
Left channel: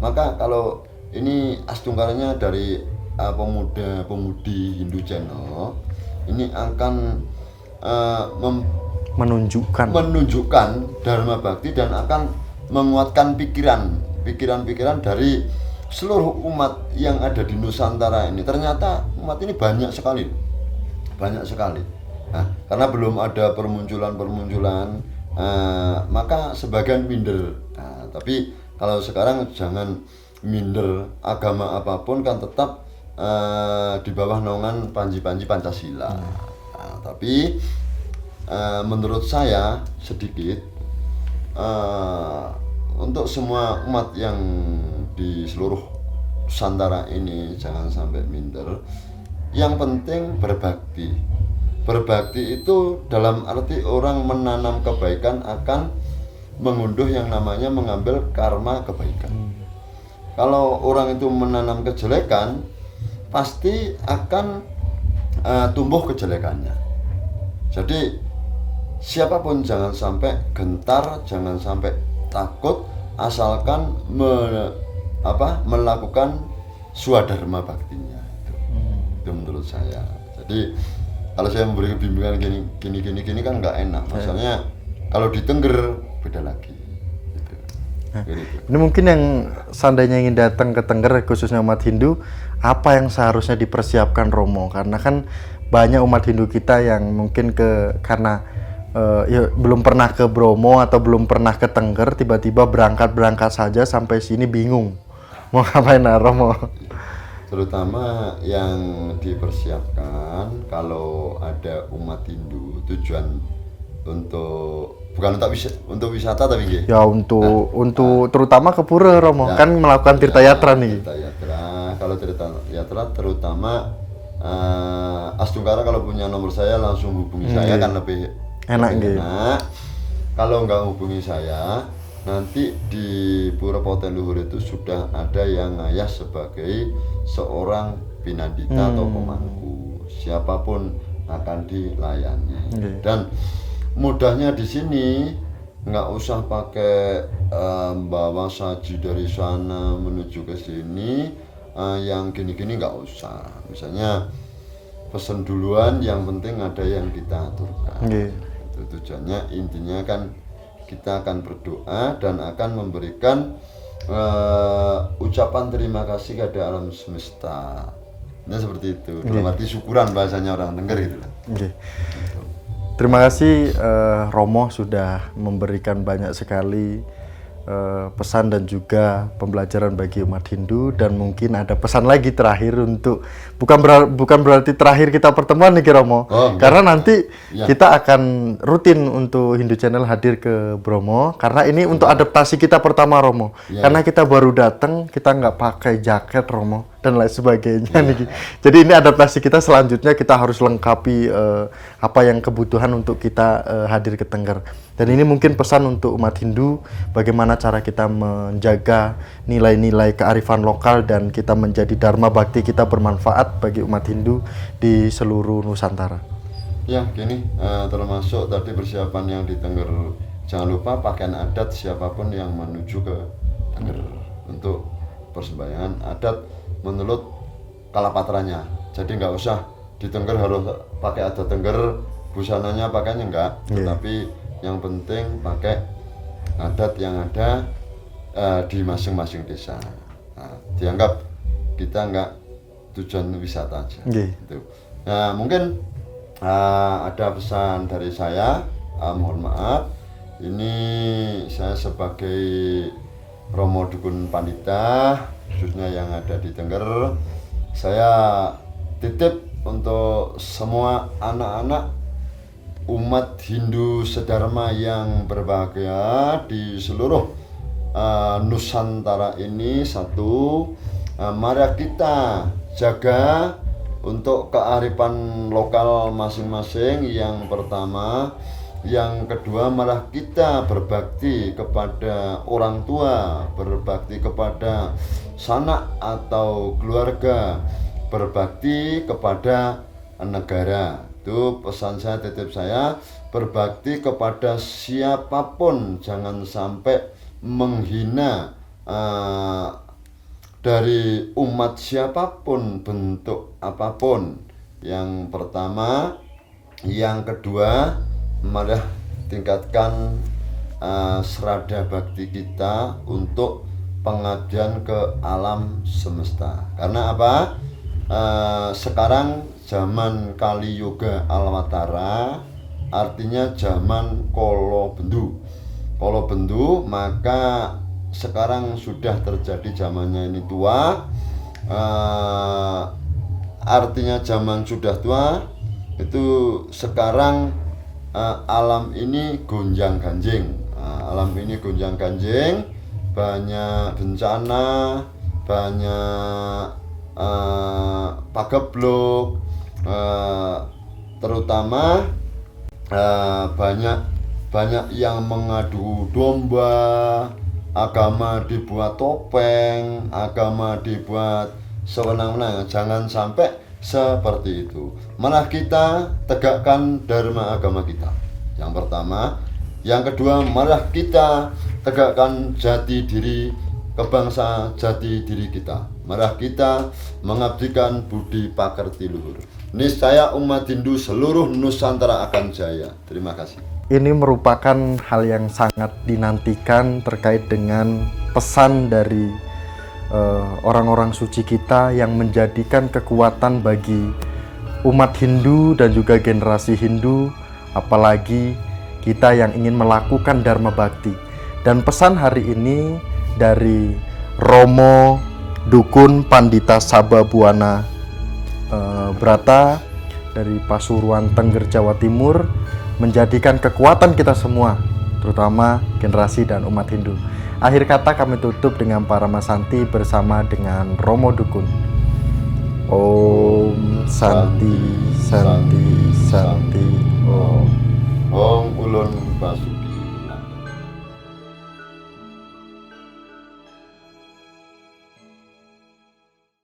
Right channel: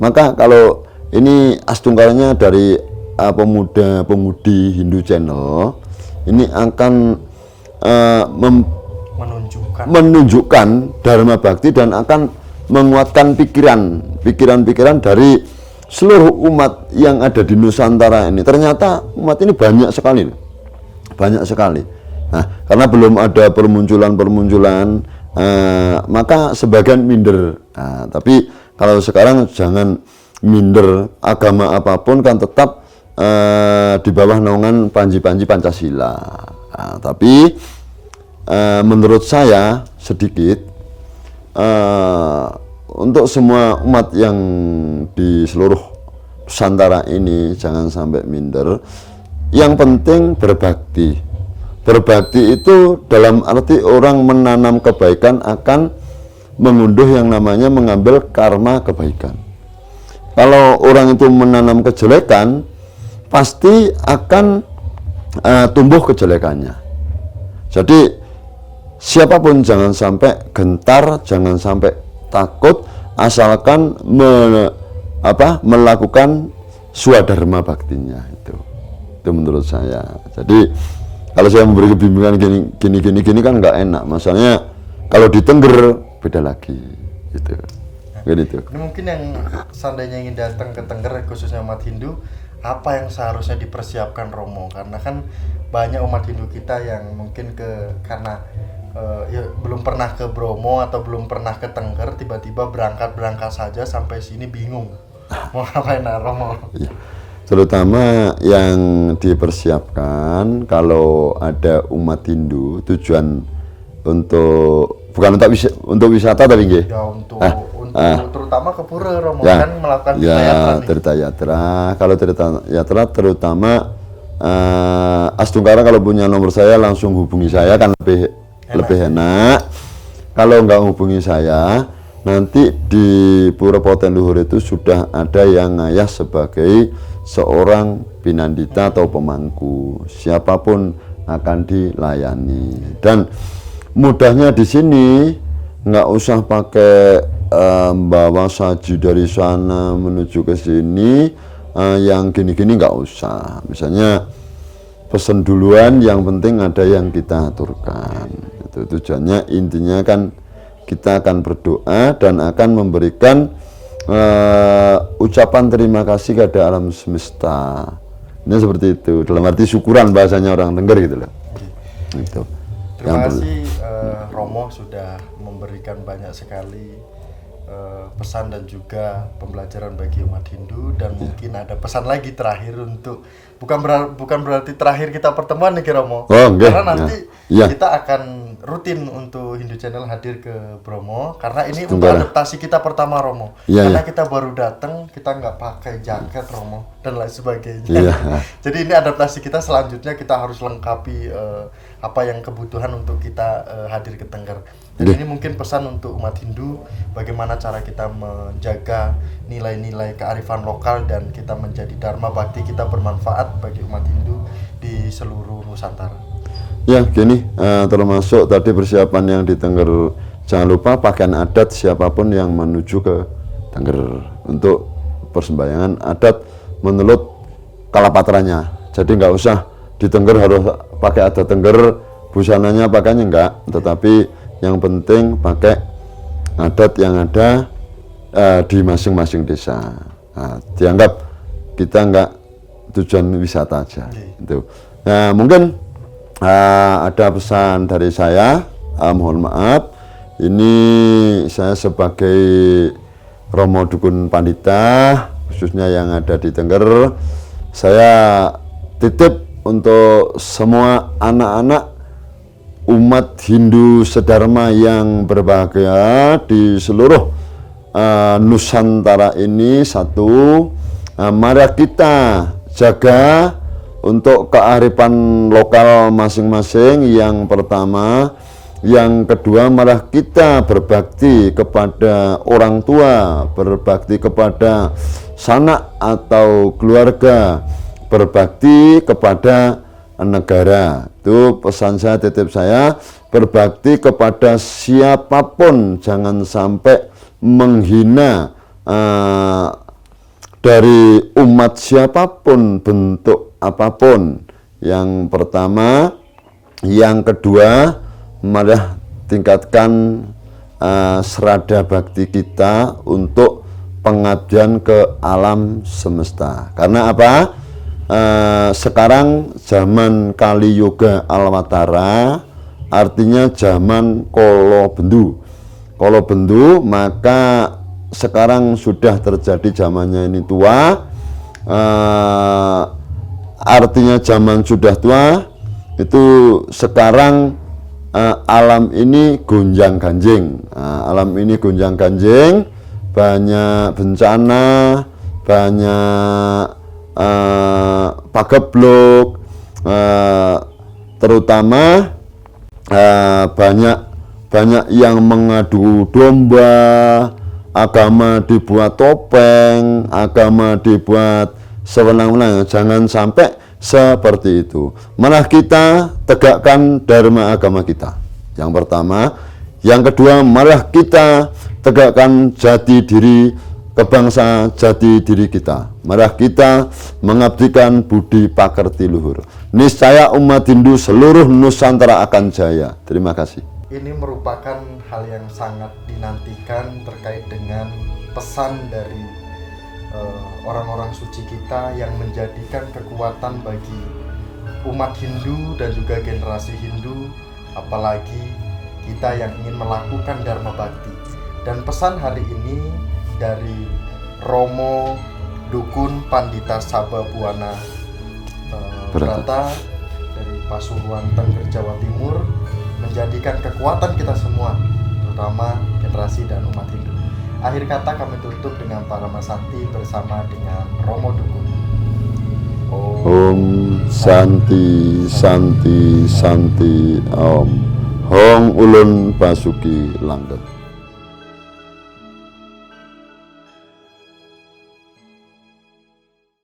Maka kalau ini astunggalnya dari pemuda-pemudi Hindu Channel, ini akan menunjukkan Dharma Bakti dan akan menguatkan pikiran-pikiran dari seluruh umat yang ada di Nusantara ini. Ternyata umat ini banyak sekali. Nah, karena belum ada permunculan, maka sebagian minder. Tapi kalau sekarang jangan minder, agama apapun kan tetap di bawah naungan panji-panji Pancasila. Tapi menurut saya sedikit untuk semua umat yang di seluruh Nusantara ini jangan sampai minder. Yang penting berbakti. Berbakti itu dalam arti orang menanam kebaikan akan mengunduh yang namanya mengambil karma kebaikan. Kalau orang itu menanam kejelekan, pasti akan tumbuh kejelekannya. Jadi siapapun jangan sampai gentar, jangan sampai takut, asalkan melakukan swadharma baktinya itu menurut saya. Jadi kalau saya memberi kebimbingan gini kan nggak enak. Masalahnya kalau di Tengger beda lagi gitu. Ini mungkin yang seandainya ingin datang ke Tengger, khususnya umat Hindu, apa yang seharusnya dipersiapkan Romo? Karena kan banyak umat Hindu kita yang mungkin karena belum pernah ke Bromo atau belum pernah ke Tengger, tiba-tiba berangkat saja sampai sini bingung mau ngapain, Romo? Terutama yang dipersiapkan kalau ada umat Hindu tujuan bukan untuk wisata tapi nggih. Ya untuk terutama ke pura, Romo, kan melakukan tirta yatra nih. Tirta yatra. Kalau tirta yatra terutama Astungkara kalau punya nomor saya langsung hubungi saya kan lebih enak. Kalau nggak hubungi saya, nanti di Pura Poten Luhur itu sudah ada yang ngayah sebagai seorang pinandita atau pemangku, siapapun akan dilayani. Dan mudahnya di sini nggak usah pakai bawa saji dari sana menuju ke sini, yang gini-gini nggak usah. Misalnya pesen duluan, yang penting ada yang kita aturkan. Itu tujuannya, intinya kan kita akan berdoa dan akan memberikan ucapan terima kasih kepada alam semesta. Ini seperti itu, dalam arti syukuran bahasanya orang Tengger gitu loh. Gitu. Terima kasih Romo sudah memberikan banyak sekali pesan dan juga pembelajaran bagi umat Hindu, dan mungkin ada pesan lagi terakhir untuk bukan berarti terakhir kita pertemuan nih Romo. Karena nanti kita akan rutin untuk Hindu Channel hadir ke Bromo karena ini untuk adaptasi kita pertama Romo. Karena kita baru datang, kita nggak pakai jaket Romo dan lain sebagainya. Jadi ini adaptasi kita, selanjutnya kita harus lengkapi apa yang kebutuhan untuk kita hadir ke Tengger. Dan ini mungkin pesan untuk umat Hindu, bagaimana cara kita menjaga nilai-nilai kearifan lokal dan kita menjadi dharma bakti kita bermanfaat bagi umat Hindu di seluruh Nusantara. Ya, gini, termasuk tadi persiapan yang di Tengger, jangan lupa pakaian adat siapapun yang menuju ke Tengger untuk persembahyangan adat menurut kalapatranya. Jadi nggak usah di Tengger harus pakai adat Tengger, busananya pakainya enggak, tetapi yang penting pakai adat yang ada di masing-masing desa. Nah, dianggap kita enggak tujuan wisata aja. Gitu. Nah, mungkin ada pesan dari saya, mohon maaf, ini saya sebagai Romo Dukun Pandita, khususnya yang ada di Tengger, saya titip untuk semua anak-anak umat Hindu sedharma yang berbahagia di seluruh Nusantara ini. Satu, mari kita jaga untuk kearifan lokal masing-masing, yang pertama. Yang kedua, malah kita berbakti kepada orang tua, berbakti kepada sanak atau keluarga, berbakti kepada negara. Itu pesan saya, titip saya, berbakti kepada siapapun, jangan sampai menghina dari umat siapapun, bentuk apapun. Yang pertama. Yang kedua, malah tingkatkan serada bakti kita untuk pengabdian ke alam semesta. Karena apa? Sekarang zaman Kali Yoga Alwatara, artinya zaman Kolo Bendu. Kolo Bendu, maka sekarang sudah terjadi zamannya ini tua, artinya zaman sudah tua. Itu sekarang alam ini gonjang ganjing, alam ini gonjang ganjing, banyak bencana, banyak pagebluk, terutama banyak yang mengadu domba, agama dibuat topeng, agama dibuat sewenang-wenang. Jangan sampai seperti itu. Malah kita tegakkan dharma agama kita. Yang pertama. Yang kedua, malah kita tegakkan jati diri kebangsa, jati diri kita. Malah kita mengabdikan budi pakerti luhur. Niscaya umat Hindu seluruh Nusantara akan jaya. Terima kasih. Ini merupakan hal yang sangat dinantikan terkait dengan pesan dari orang-orang suci kita yang menjadikan kekuatan bagi umat Hindu dan juga generasi Hindu, apalagi kita yang ingin melakukan dharma bakti. Dan pesan hari ini dari Romo Dukun Pandita Sababuana Brata dari Pasuruan, Tengger, Jawa Timur, menjadikan kekuatan kita semua, terutama generasi dan umat Hindu. Akhir kata kami tutup dengan para Masanti bersama dengan Romo Dukun. Om Santi Santi Santi Om. Hong Ulun Basuki Langgeng.